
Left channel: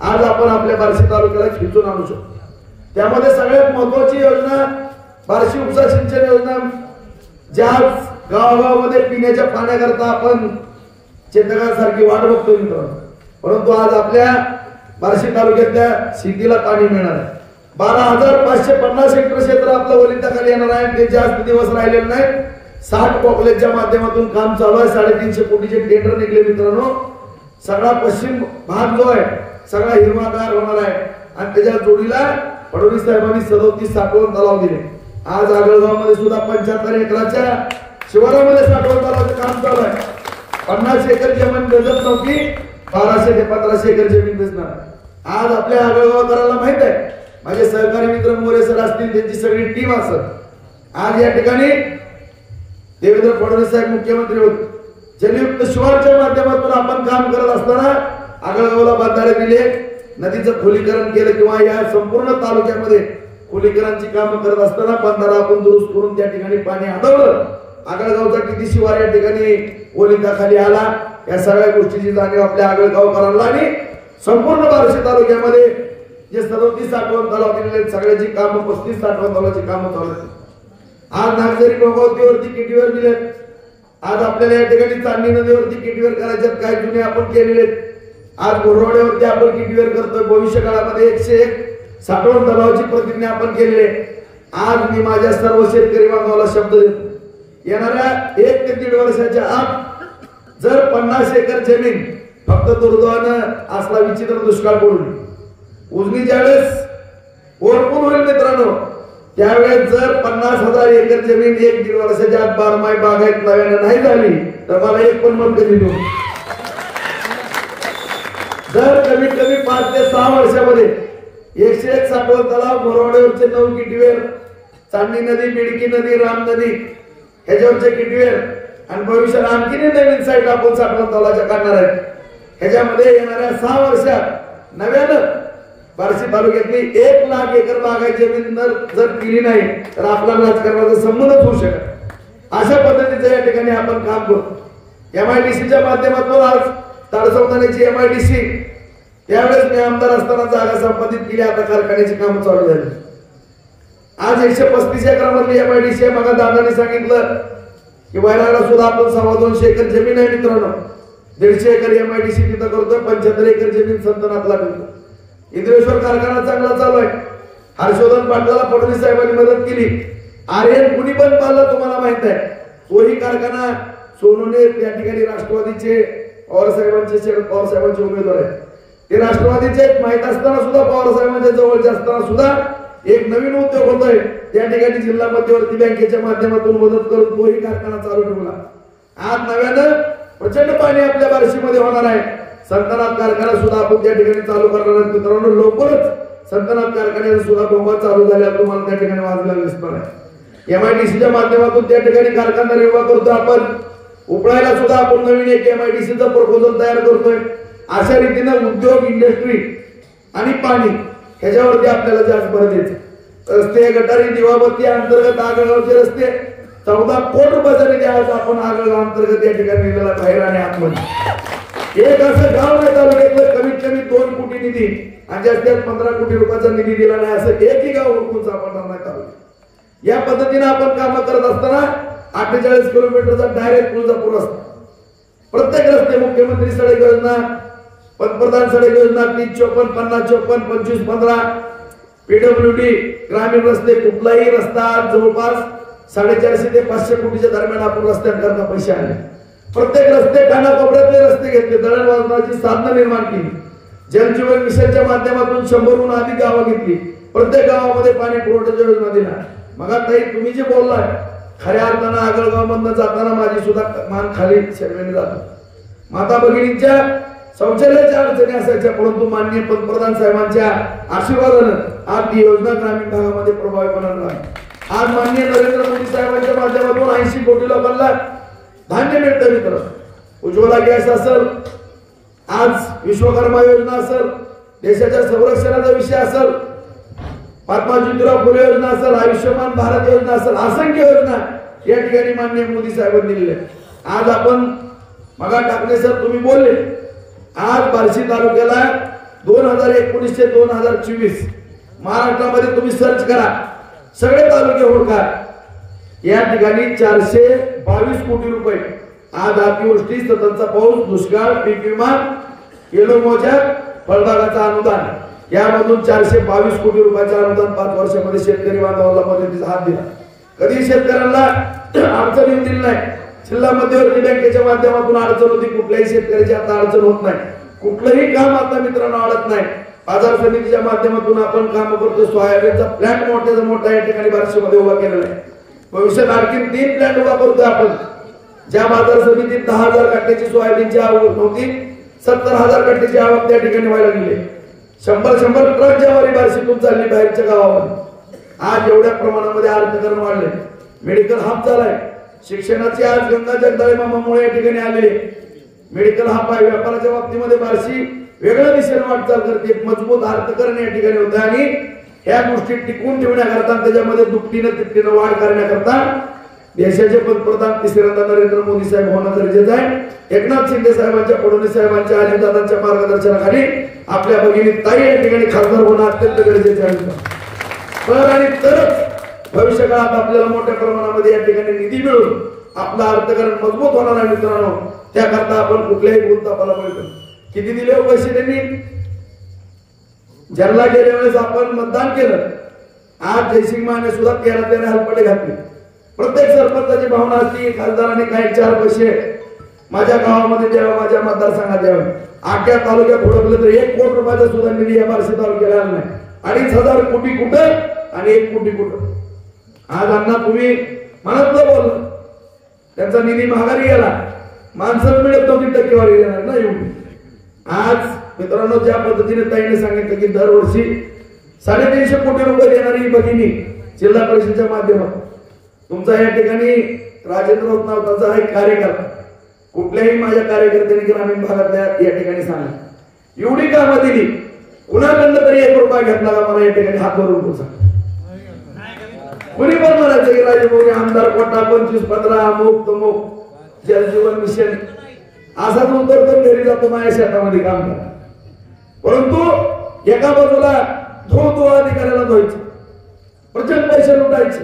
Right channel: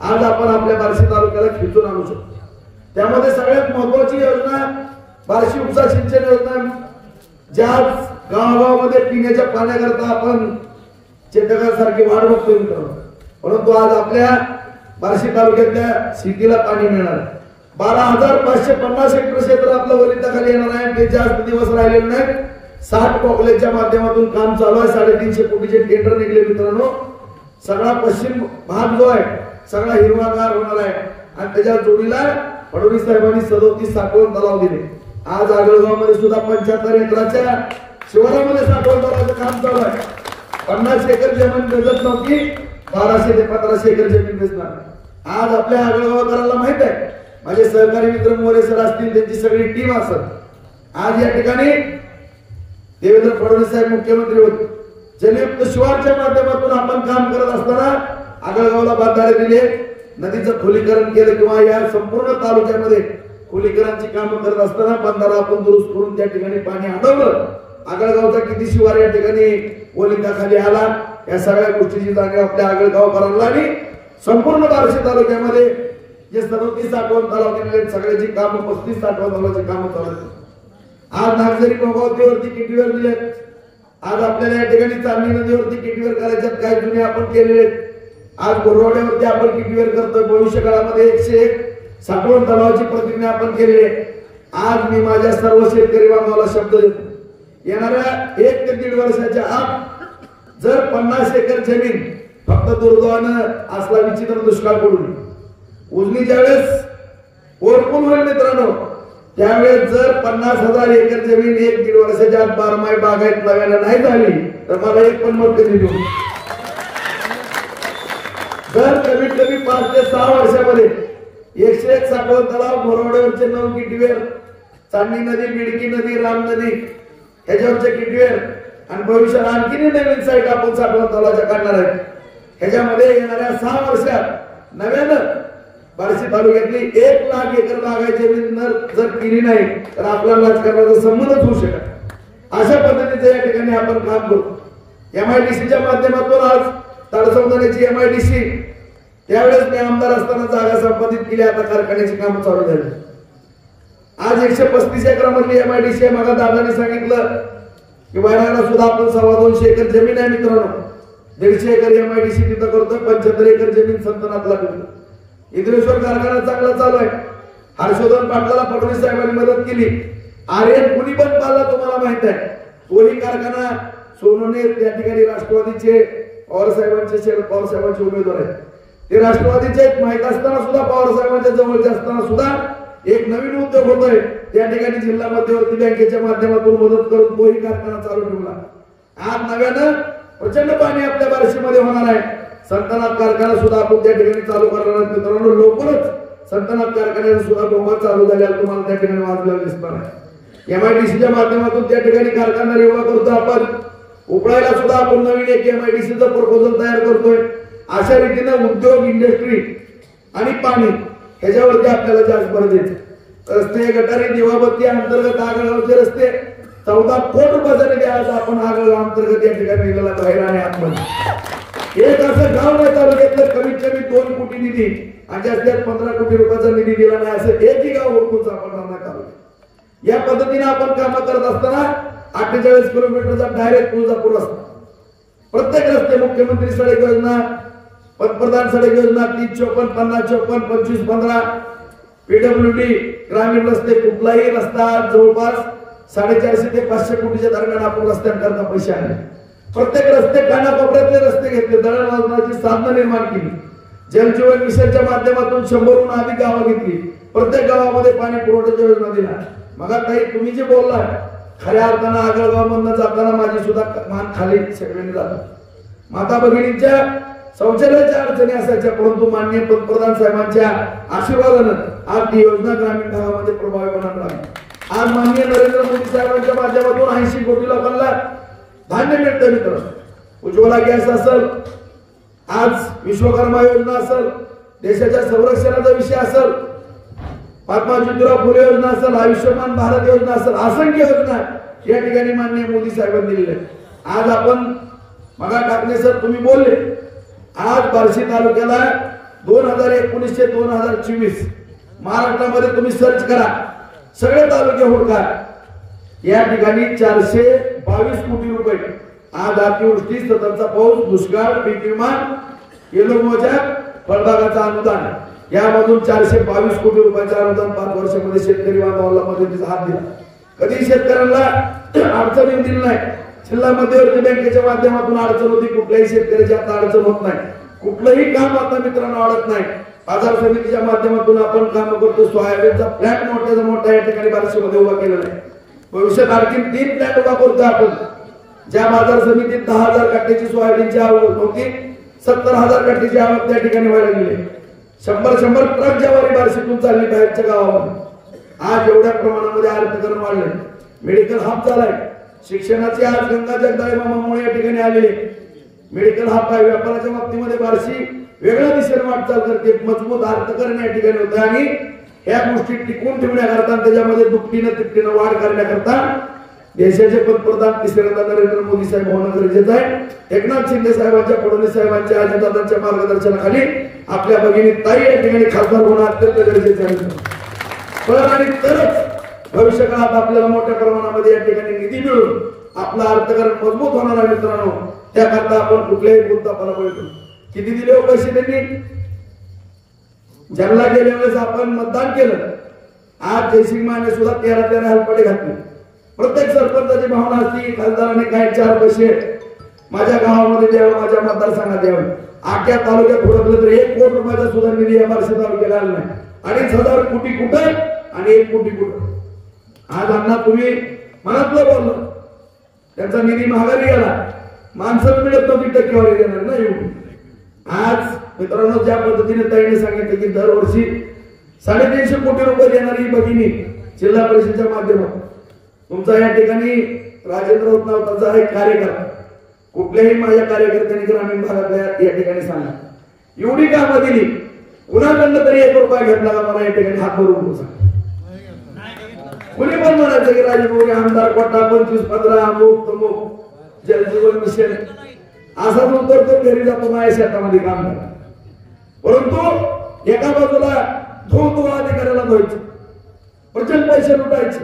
आज आपण आपल्या बार्शी तालुक्याला खेचून आणू शकतो. त्यामध्ये सगळ्यात महत्वाची योजना बार्शी उपसा सिंचन योजना, ज्या गावागावामध्ये पिण्याच्या पाण्याकरता आपण चेतकासारखी वाट बघतोय मित्रांनो, परंतु आज आपल्या बार्शी तालुक्यातल्या सिद्धीला पाणी मिळणार. 12,550 हेक्टर क्षेत्र आपलं वलिताखाली येणार आहे. ते जास्त दिवस राहिलेले नाही. 60 कॉलेजच्या माध्यमातून काम चालू आहे. 350 कोटीचे टेंडर निघले मित्रांनो. सगळा पश्चिम भाग जो आहे सगळा हिरवागार होणार आहे आणि त्याच्या जोडीला फडणवीस साहेबांनी 37 साठवण तलाव दिले. आज आगळगावमध्ये सुद्धा 75 एकराच्या शिवारामध्ये साठवण तलावाचं काम चालू आहे. 50 एकर जमीन गजत नव्हती, 1200 ते 1500 एकर जमीन गजणार. आज आपल्या आगळगावकरांना माहित आहे, माझे सहकारी मित्र मोरे सर असतील, त्यांची सगळी टीम असत. आज या ठिकाणी देवेंद्र फडणवीस साहेब मुख्यमंत्री होते. जलयुक्त शिवारच्या माध्यमातून आपण काम करत असताना आगळगावला बांधारे दिले, नदीचं खोलीकरण केलं किंवा या संपूर्ण तालुक्यामध्ये खोलीकरणाची कामं करत असताना बंधारा आपण दुरुस्त करून त्या ठिकाणी पाणी अडवलं. आगळगावचा किती शिवार या ठिकाणी ओलिताखाली आला. या सगळ्या गोष्टीची जाणीव आपल्या आगळगावकरांना आणि संपूर्ण बार्शी तालुक्यामध्ये जे 37 साठवण तलाव केलेले सगळ्याची कामं 35 साठवण तलावाची कामं चालू आहेत. आज नागझरी गंगावतीवरती किटीवर दिलेत. आज आपल्याला या ठिकाणी चांदणी नदीवरती किटीवर करायच्यात, काही जुने आपण केलेले. आज बोरवाड्यावरती आपण किटीवर करतोय. भविष्य काळामध्ये 101 साठवण तलावाची प्रतिज्ञा आपण केलेली. आज मी माझ्या सर्व शेतकरी बांधवाला शब्द देतो, येणाऱ्या 1 ते 1.5 वर्षाच्या आत जर 50 एकर जमीन फक्त दुर्दैवानं असला विचित्र दुष्काळ पडून उजनी ज्यावेळेस ओरपून होईल मित्रांनो, त्यावेळेस जर 50,000 एकर जमीन 1 ते 1.5 वर्षाच्या आत बारमाही बागायत नव्यानं नाही झाली तर मला एक पण मत कधी मिळू. जर कमीत कमी 5 ते 6 वर्षामध्ये 101 साठवण तलाव, मोरवाड्यावरचे 9 किटीवेर, चांदणी नदी, बिडकी नदी, राम नदी ह्याच्यावरचे किटीवेर आणि भविष्यात आणखी नवीन साईट आपण साठवण तलावाच्या काढणार आहेत. ह्याच्यामध्ये येणाऱ्या 6 वर्षात नव्यानं बार्शी तालुक्यातली 1 लाख एकर बागायती जमीन जर केली नाही तर आपला राजकारणाचा संबंधच होऊ शकत. अशा पद्धतीचे या ठिकाणी आपण काम करतो. MIDCच्या माध्यमातून आज तडसवतानाची MIDC त्यावेळेस मी आमदार असताना जागा संपादित केली. आता कारखान्याची कामं चालू झाली. आज 135 एकरामधली MIDC मग दादाने सांगितलं की वायराला सुद्धा आपण 225 एकर जमीन आहे मित्रांनो. 150 एकर MIDC तिथं करतोय. 75 एकर जमीन संतनाथला करतो. इंद्रेश्वर कारखाना चांगला चालू आहे. हर्षवर्धन पाटलाला फडणवीस साहेबांनी मदत केली. आर्यन कुणी पण पाहिला तुम्हाला माहित आहे. तोही कारखाना सोनवणे त्या ठिकाणी राष्ट्रवादीचे पवार साहेबांचे, शरद पवार साहेबांचे उमेदवार आहेत. ते राष्ट्रवादीचे माहित असताना सुद्धा, पवार साहेबांच्या जवळचे असताना सुद्धा एक नवीन उद्योग होतोय. त्या ठिकाणी जिल्हा मध्यवर्ती बँकेच्या माध्यमातून मदत करून तोही कारखाना चालू ठेवला. आज नव्यानं प्रचंड पाणी आपल्या बार्शीमध्ये होणार आहे. संतनाथ कारखाना सुद्धा आपण त्या ठिकाणी चालू करणार आहे मित्रांनो. लवकरच संतनाथ कारखान्याने सुद्धा डोंगर चालू झाल्या तुम्हाला त्या ठिकाणी वाजल्या दिसणार आहे. MIDCच्या माध्यमातून त्या ठिकाणी कारखाना निर्माण करतो आपण. उपळायला सुद्धा आपण नवीन एक MIDCचं प्रपोजल तयार करतोय. अशा रीतीने उद्योग, इंडस्ट्री आणि पाणी ह्याच्यावरती आपल्याला जास्त भर द्यायचं. रस्ते, गटारी, दिवाबत्ती अंतर्गत आगळगावचे रस्ते 14 कोटी रुपयाचा निधी आज आपण आगळगाव अंतर्गत या ठिकाणी निघाला बाहेर आणि आतमध्ये. एक असं गाव नाही तालुक्यातलं कमीत कमी 2 कोटी निधी आणि जास्तीत 15 कोटी रुपयाचा निधी दिला नाही असं एकही गाव ओळखून सापडणार नाही तालुक्यात. या पद्धतीने आपण काम करत असताना 48 किलोमीटरचा डायरेक्ट तुळजापूर रस्ता, प्रत्येक रस्ते, मुख्यमंत्री सडक योजना, पंतप्रधान सडक योजना 354, 50, 54, 25, 15, PWD ग्रामीण रस्ते, कुठलाही रस्ता जवळपास 450 ते 500 कोटीच्या दरम्यान आपण रस्त्यांकरता पैसे आले. प्रत्येक रस्ते कानाकोपऱ्यातले रस्ते घेतले, दळणवळणाची साधनं निर्माण केली. जलजीवन मिशनच्या माध्यमातून 100हून अधिक गावं घेतली. प्रत्येक गावामध्ये पाणी पुरवठ्याच्या योजना दिल्या. मग ताई तुम्ही जे बोललाय, खऱ्या अर्थानं आगळगाव मधनं जाताना माझी सुद्धा मान खाली शेवलेली जातो. माता भगिनींच्या शौचालयाच्या अडचणी असायच्या, परंतु माननीय पंतप्रधान साहेबांच्या आशीर्वादानं आज ती योजना ग्रामीण भागामध्ये प्रभावीपणे लागली. आज माननीय नरेंद्र मोदी साहेबांच्या माध्यमातून 80 कोटी लोकांना धान्य मिळतं मित्र. उज्ज्वला गॅस असेल, आज विश्वकर्मा योजना असेल, देशाच्या संरक्षणाचा विषय असेल, महात्मा ज्योतिराव फुले योजना असेल, आयुष्यमान भारत योजना असेल, असंख्य योजना या ठिकाणी माननीय मोदी साहेबांनी दिलेल्या. आज आपण मगा टाकले सर तुम्ही बोलले, आज बार्शी तालुक्याला 2019 ते 2024 महाराष्ट्रामध्ये तुम्ही सर्च करा, सगळे तालुके होडका, या ठिकाणी 422 कोटी रुपये आज अतिवृष्टी, सततचा पाऊस, दुष्काळ, पीक विमा, येलो मोजा, फळबागाचं अनुदान, यामधून 422 कोटी रुपयाचं अनुदान 5 वर्षामध्ये शेतकरी बांधवाला मदतीचा हात दिला. कधी शेतकऱ्यांना अडचण दिली नाही. जिल्हा मध्यवर्ती बँकेच्या माध्यमातून अडचण होती, कुठल्याही शेतकऱ्याची आता अडचण होत नाही. कुठलंही काम आता मित्रांनो अडत नाही. बाजार समितीच्या माध्यमातून आपण काम करतो. सोयाबीनचा प्लॅट मोठ्याचा मोठा या ठिकाणी बार्शीमध्ये उभा केलेला आहे. भविष्यात आणखी 3 प्लॅट उभा करतोय आपण. ज्या बाजार समितीत 10,000 कट्ट्याची सोयाबीनची आवक होती, 70,000 कट्ट्याची आवक त्या ठिकाणी व्हायला गेली. 100 ट्रक ज्यावर बार्शीतून चालली बाहेरच्या गावावर. आज एवढ्या प्रमाणामध्ये अर्थकारण वाढलंय. मेडिकल हब झालाय. शिक्षणाची आज गंगा जगदाळे मामामुळे या ठिकाणी आलेली. मेडिकल हब आहे. व्यापाराच्या बाबतीमध्ये बार्शी वेगळ्या दिशेने वाटचाल करते. मजबूत अर्थकारण या ठिकाणी होते आणि ह्या गोष्टी टिकून ठेवण्याकरता, त्याच्यामध्ये दुपटीनं तिपटीनं वाढ करण्याकरता देशाचे पंतप्रधान तिसऱ्यांदा नरेंद्र मोदी साहेब होणं गरजेचं आहे. एकनाथ शिंदे साहेबांच्या, फडणवीस साहेबांच्या, अजितदादांच्या मार्गदर्शनाखाली आपल्या भगिनी ताई या ठिकाणी खासदार होणं अत्यंत गरजेचं आहे. तर आणि तरच भविष्य काळात आपल्याला मोठ्या प्रमाणामध्ये या ठिकाणी निधी मिळून आपलं अर्थकारण मजबूत होणार आहे. मित्रांनो, त्याकरता आपण कुठल्याही गुंतापाला पडतो. किती दिले हो पैसे त्यांनी? ज्यांना गेल्या वेळेस आपण मतदान केलं, आज जयसिंग माने सुद्धा त्याने हलपडे घातले. प्रत्येक सरपंचाची भावना असती, खासदारांनी काही 4 पैसे माझ्या गावामध्ये द्यावे, माझ्या मतदारसंघात द्यावे. आख्या तालुक्यात हुडकलं तर 1 कोटी रुपयाचा सुद्धा निधी या बार्शी तालुक्याला आला नाही. 2,500 कोटी कुठे आणि 1 कोटी कुठं? आज अण्णा तुम्ही मनातलं बोललं, त्यांचा निधी माघारी गेला. माणसं मिळत नव्हती, टक्केवारी देणार ना एवढी. आज मित्रांनो, ज्या पद्धतीने ताईने सांगितलं की दरवर्षी 350 कोटी रुपये देणारी भगिनी जिल्हा परिषदेच्या माध्यमातून, तुमचा या ठिकाणी राजेंद्र होता एक कार्यकर्ता, कुठल्याही माझ्या कार्यकर्त्यांनी ग्रामीण भागातल्या या ठिकाणी सांगा एवढी कामं दिली, कुणाकडनं तरी 1 रुपया घेतला का मला या ठिकाणी हात धरून सांगा. कुणी पण म्हणायचं की राजेंद्र आमदार कोटा 25-15 अमुक तमुक जलजीवन मिशन असा तो करतो, घरी जातो माझ्या शेतामध्ये काम करतो. परंतु एका बाजूला धोळ अधिकाऱ्याला धुवायचे, प्रचंड पैसे लुटायचे,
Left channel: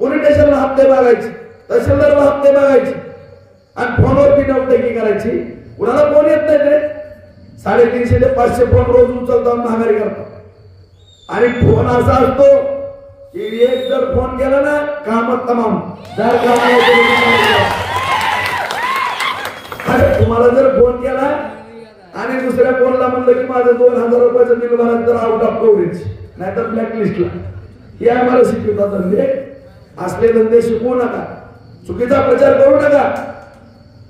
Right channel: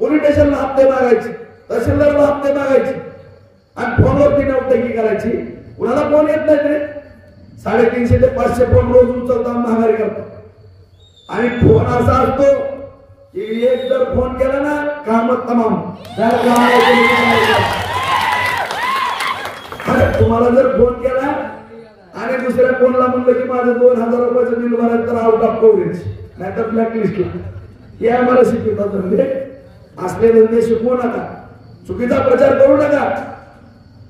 पोलीस स्टेशनला हप्ते मागायचे, तहसीलदारला हप्ते मागायचे आणि फोनवरती नोटंकी करायची. कुणाला फोन येत नाही ते 350 ते 500 फोन रोज उचलता महागारी करतात. आणि फोन असा असतो की एक जर फोन केला ना काम तमाम. तुम्हाला जर फोन केला आणि दुसऱ्या फोनला म्हणलं की माझं 2,000 रुपयाचं बिल भरायचं तर आउट ऑफ कव्हरेज, नाहीतर ब्लॅकलिस्टला. हे आम्हाला शिकवतात धंदे. असले धंदे शिकवू नका, चुकीचा प्रचार करू नका,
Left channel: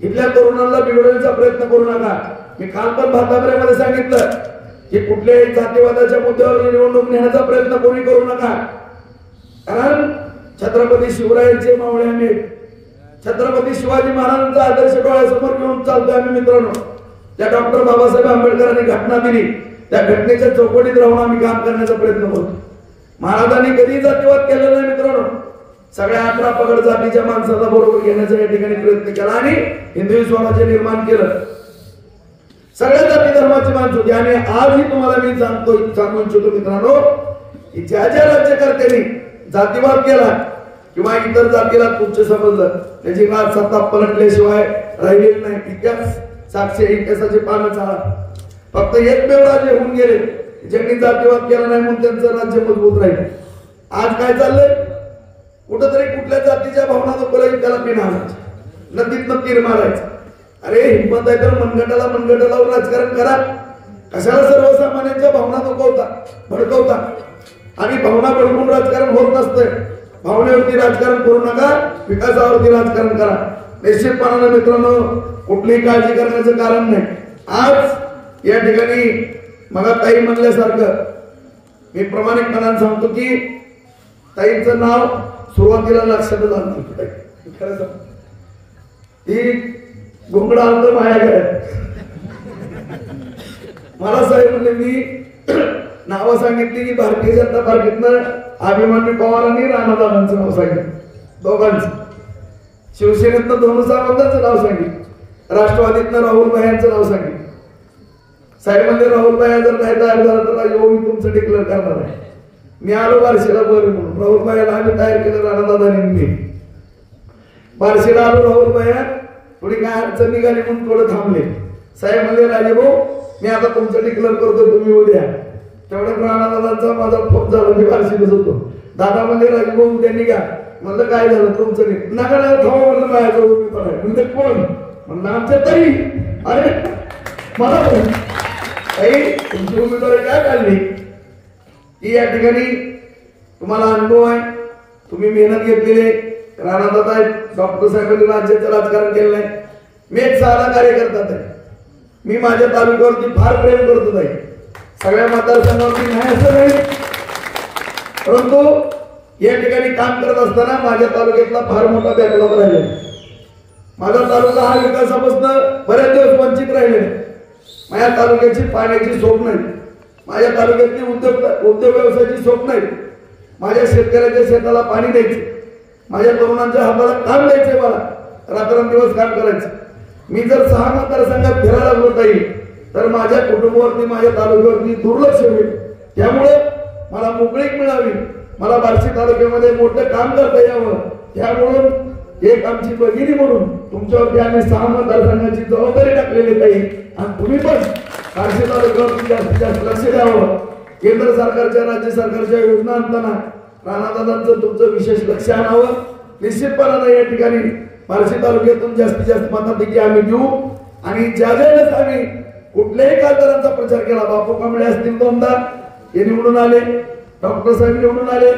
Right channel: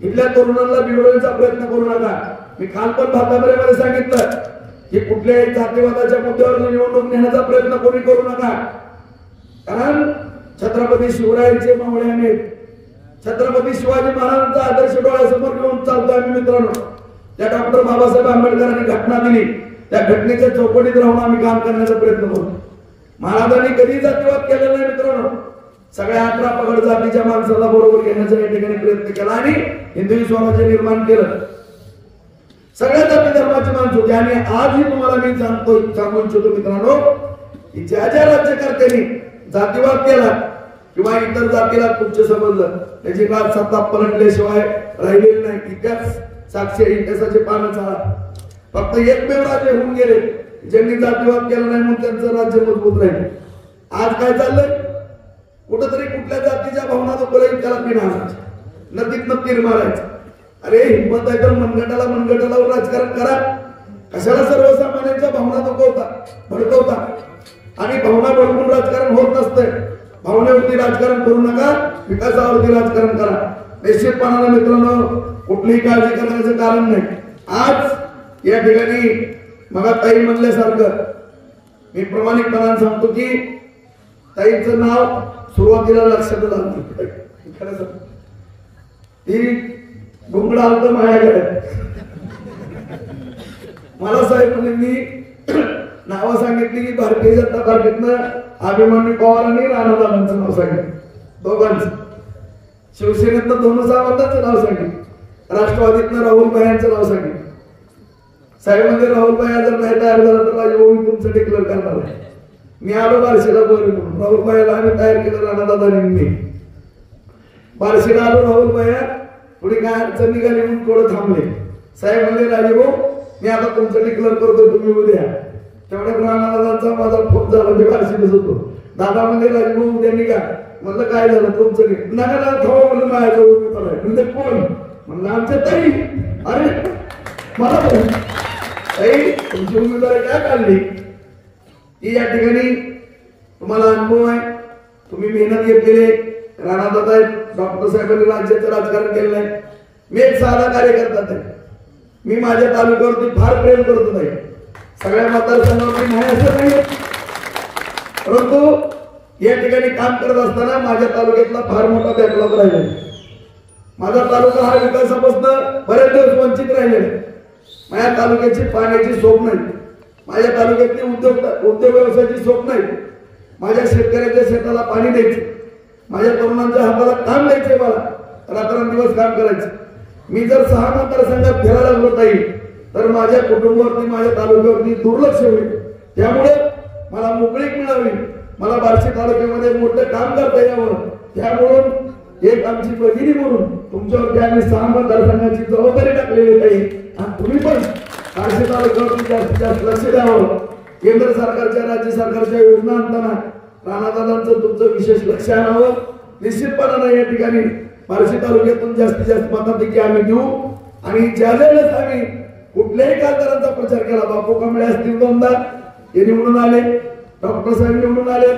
इथल्या तरुणांना बिघडवण्याचा प्रयत्न करू नका. मी काल पण भातामध्ये सांगितलं की कुठल्याही जातीवादाच्या मुद्द्यावर निवडणूक नेण्याचा प्रयत्न कोणी करू नका. कारण छत्रपती शिवरायांचे मावळे आम्ही, छत्रपती शिवाजी महाराजांचा आदर्श डोळ्यासमोर घेऊन चालतोय आम्ही. मित्रांनो, त्या डॉक्टर बाबासाहेब आंबेडकरांनी घटना दिली, त्या घटनेच्या चौकटीत राहून आम्ही काम करण्याचा प्रयत्न करतो. महाराजांनी कधी जातीवाद केलेला नाही मित्रांनो. सगळ्या 18 पगड जातीच्या माणसाला बरोबर घेण्याचा या ठिकाणी प्रयत्न केला आणि हिंदवी स्वराज्य निर्माण केलं. सगळ्या जाती धर्माची माणसं होती. आणि आजही तुम्हाला मी सांगू इच्छितो मित्रांनो, की ज्या ज्या राज्यकर्त्यांनी जातीवाद केला किंवा इतर जातीला तुच्छ समजलं, त्याची काल सत्ता पलटल्याशिवाय राहिलेली नाही. इतिहास साक्षी, इतिहासाचे पानं चाळा. फक्त एकमेव राजे होऊन गेले ज्यांनी जातीवाद केला नाही म्हणून त्यांचं राज्य मजबूत राहील. आज काय चाललंय? कुठंतरी कुठल्या जातीच्या भावना दुखवला त्याला पिन आणायचं, नदीत तीर मारायचं. अरे हिंमत आहे तर मनगटाला राजकारण करा. कशाला सर्वसामान्यांच्या भावना भडकवता? आणि भावना भडकून राजकारण होत नसतंय. भावनेवरती राजकारण करू नका, विकासावरती राजकारण करा. निश्चितपणाने मित्रांनो, कुठलीही काळजी करण्याचं कारण नाही. आज या ठिकाणी मला ताई म्हणल्यासारखं मी प्रामाणिकपणाने सांगतो की ताईंचं नाव सुरुवातीला लक्षात आलं. खरं सांग, ती गुंगडा आलं माझ्याकडे. मला साहेब म्हणजे मी नावं सांगितली की भारतीय जनता पार्टीतनं अभिमन्यू पवार आणि राणादादांचं नाव सांगितलं, दोघांचं. शिवसेनेतनं धोनू सावंतांचं नाव सांगितलं, राष्ट्रवादीतनं राहुल भाई यांचं नाव सांगितलं. साहेब म्हणजे राहुल भाई जर नाही तयार झाला तर राजभाऊ तुमचं डिक्लेअर करणार आहे. मी आलो बार्शीला बरं म्हणून राहुल भाईला आम्ही तयार केलं राणादादांनी बार्शीला आलो राहुल भाईला थोडी काय अडचण निघाली म्हणून थोडं थांबले साहेब म्हणजे राजीभाऊ मी आता तुमचं डिक्लेअर करतोय तुम्ही उद्या तेवढ्या राणादादांचा माझा फोन झाला मी बार्शीलाच होतो दादा म्हणजे राजीभाऊ उद्या निघा म्हणलं काय झालं तुमचं नका थांबा म्हणलं माझ्या म्हणजे कोण म्हणलं आमच्या ताई अरे मला ताई तुमची उमेदवारी काय काढली की या ठिकाणी तुम्हाला अनुभव आहे तुम्ही मेहनत घेतलेली राणादादा डॉक्टर साहेबांनी राज्याचं राजकारण केलं नाही मी एक साधा कार्यकर्ता आहे मी माझ्या तालुक्यावरती फार प्रेम करतो नाही सगळ्या मतदारसंघावरती नाही असं नाही परंतु या ठिकाणी काम करत असताना माझ्या तालुक्यातला फार मोठा बॅकलॉग राहिला माझा तालुका हा विकासापासून बऱ्याच दिवस वंचित राहिले माझ्या तालुक्याची पाण्याची सोय नाही माझ्या तालुक्यातली उद्योग व्यवसायाची सोय नाही माझ्या शेतकऱ्याच्या शेताला पाणी द्यायचे माझ्या तरुणांच्या हाताला काम द्यायचे मला रात्रंदिवस काम करायचं मी जर 6 मतदारसंघात फिरायला होता येईल तर माझ्या कुटुंबावरती माझ्या तालुक्यावरती दुर्लक्ष होईल त्यामुळे मला मोकळीक मिळावी मला बार्शी तालुक्यामध्ये मोठं काम करता यावं त्यामुळे एक आमची भगिनी म्हणून तुमच्यावरती आम्ही 6 मतदारसंघाची जबाबदारी टाकलेली काही आणि तुम्ही पण बार्शी तालुक्यावरती जास्तीत जास्त लक्ष द्यावं केंद्र सरकारच्या राज्य सरकारच्या योजना आणताना राणादादांचं तुमचं विशेष लक्ष आणावं निश्चितपणाने या ठिकाणी बार्शी तालुक्यातून जास्तीत जास्त मताधिक्य आम्ही देऊ आणि ज्या वेळेस आम्ही कुठल्याही खासदारांचा प्रचार केला बापू कांबळे असतील 2दा हे निवडून आले डॉक्टर साहेब निवडून आले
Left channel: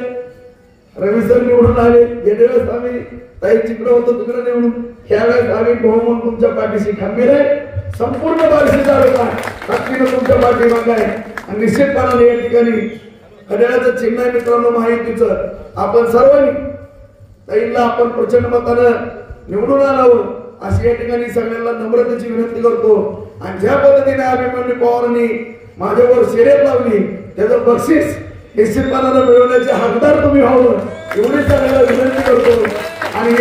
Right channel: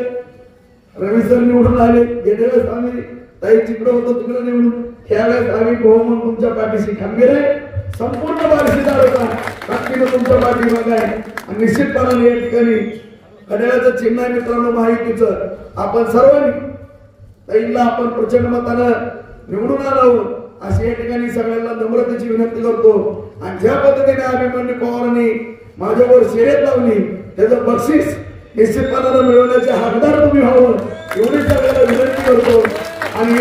रवी सर निवडून आले गेल्या वेळेस आम्ही ताई जिकडे होतो तिकडे निवडून त्यावेळेस आम्ही बहुमत तुमच्या पाठीशी खंबीर आहे संपूर्ण बार्शी तालुका ताकदीनं तुमच्या पाठीमागे आहे आणि निश्चितपणाने या ठिकाणी घड्याळाचं चिन्ह आहे मित्रांनो महायुतीचं आपण सर्वांनी ताईला आपण प्रचंड मतानं निवडून आलो अशी या ठिकाणी सगळ्यांना नम्रतेची विनंती करतो आणि ज्या पद्धतीने अभिमन्यू पवारांनी माझ्यावर शर्यत लावली त्याचं बक्षीस निश्चितपणाने मिळवण्याचे हकदार तुम्ही व्हावं एवढी सगळ्यांना विनंती करतो आणि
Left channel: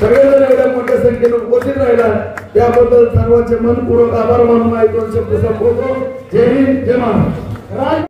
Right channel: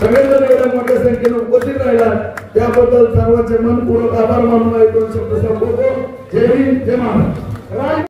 सगळ्यांना एवढ्या मोठ्या संख्येनं उपस्थित राहिला त्याबद्दल सर्वांचे मनपूर्वक आभार मानून 2 शब्द संपवतो जय हिंद जय महाराष्ट्र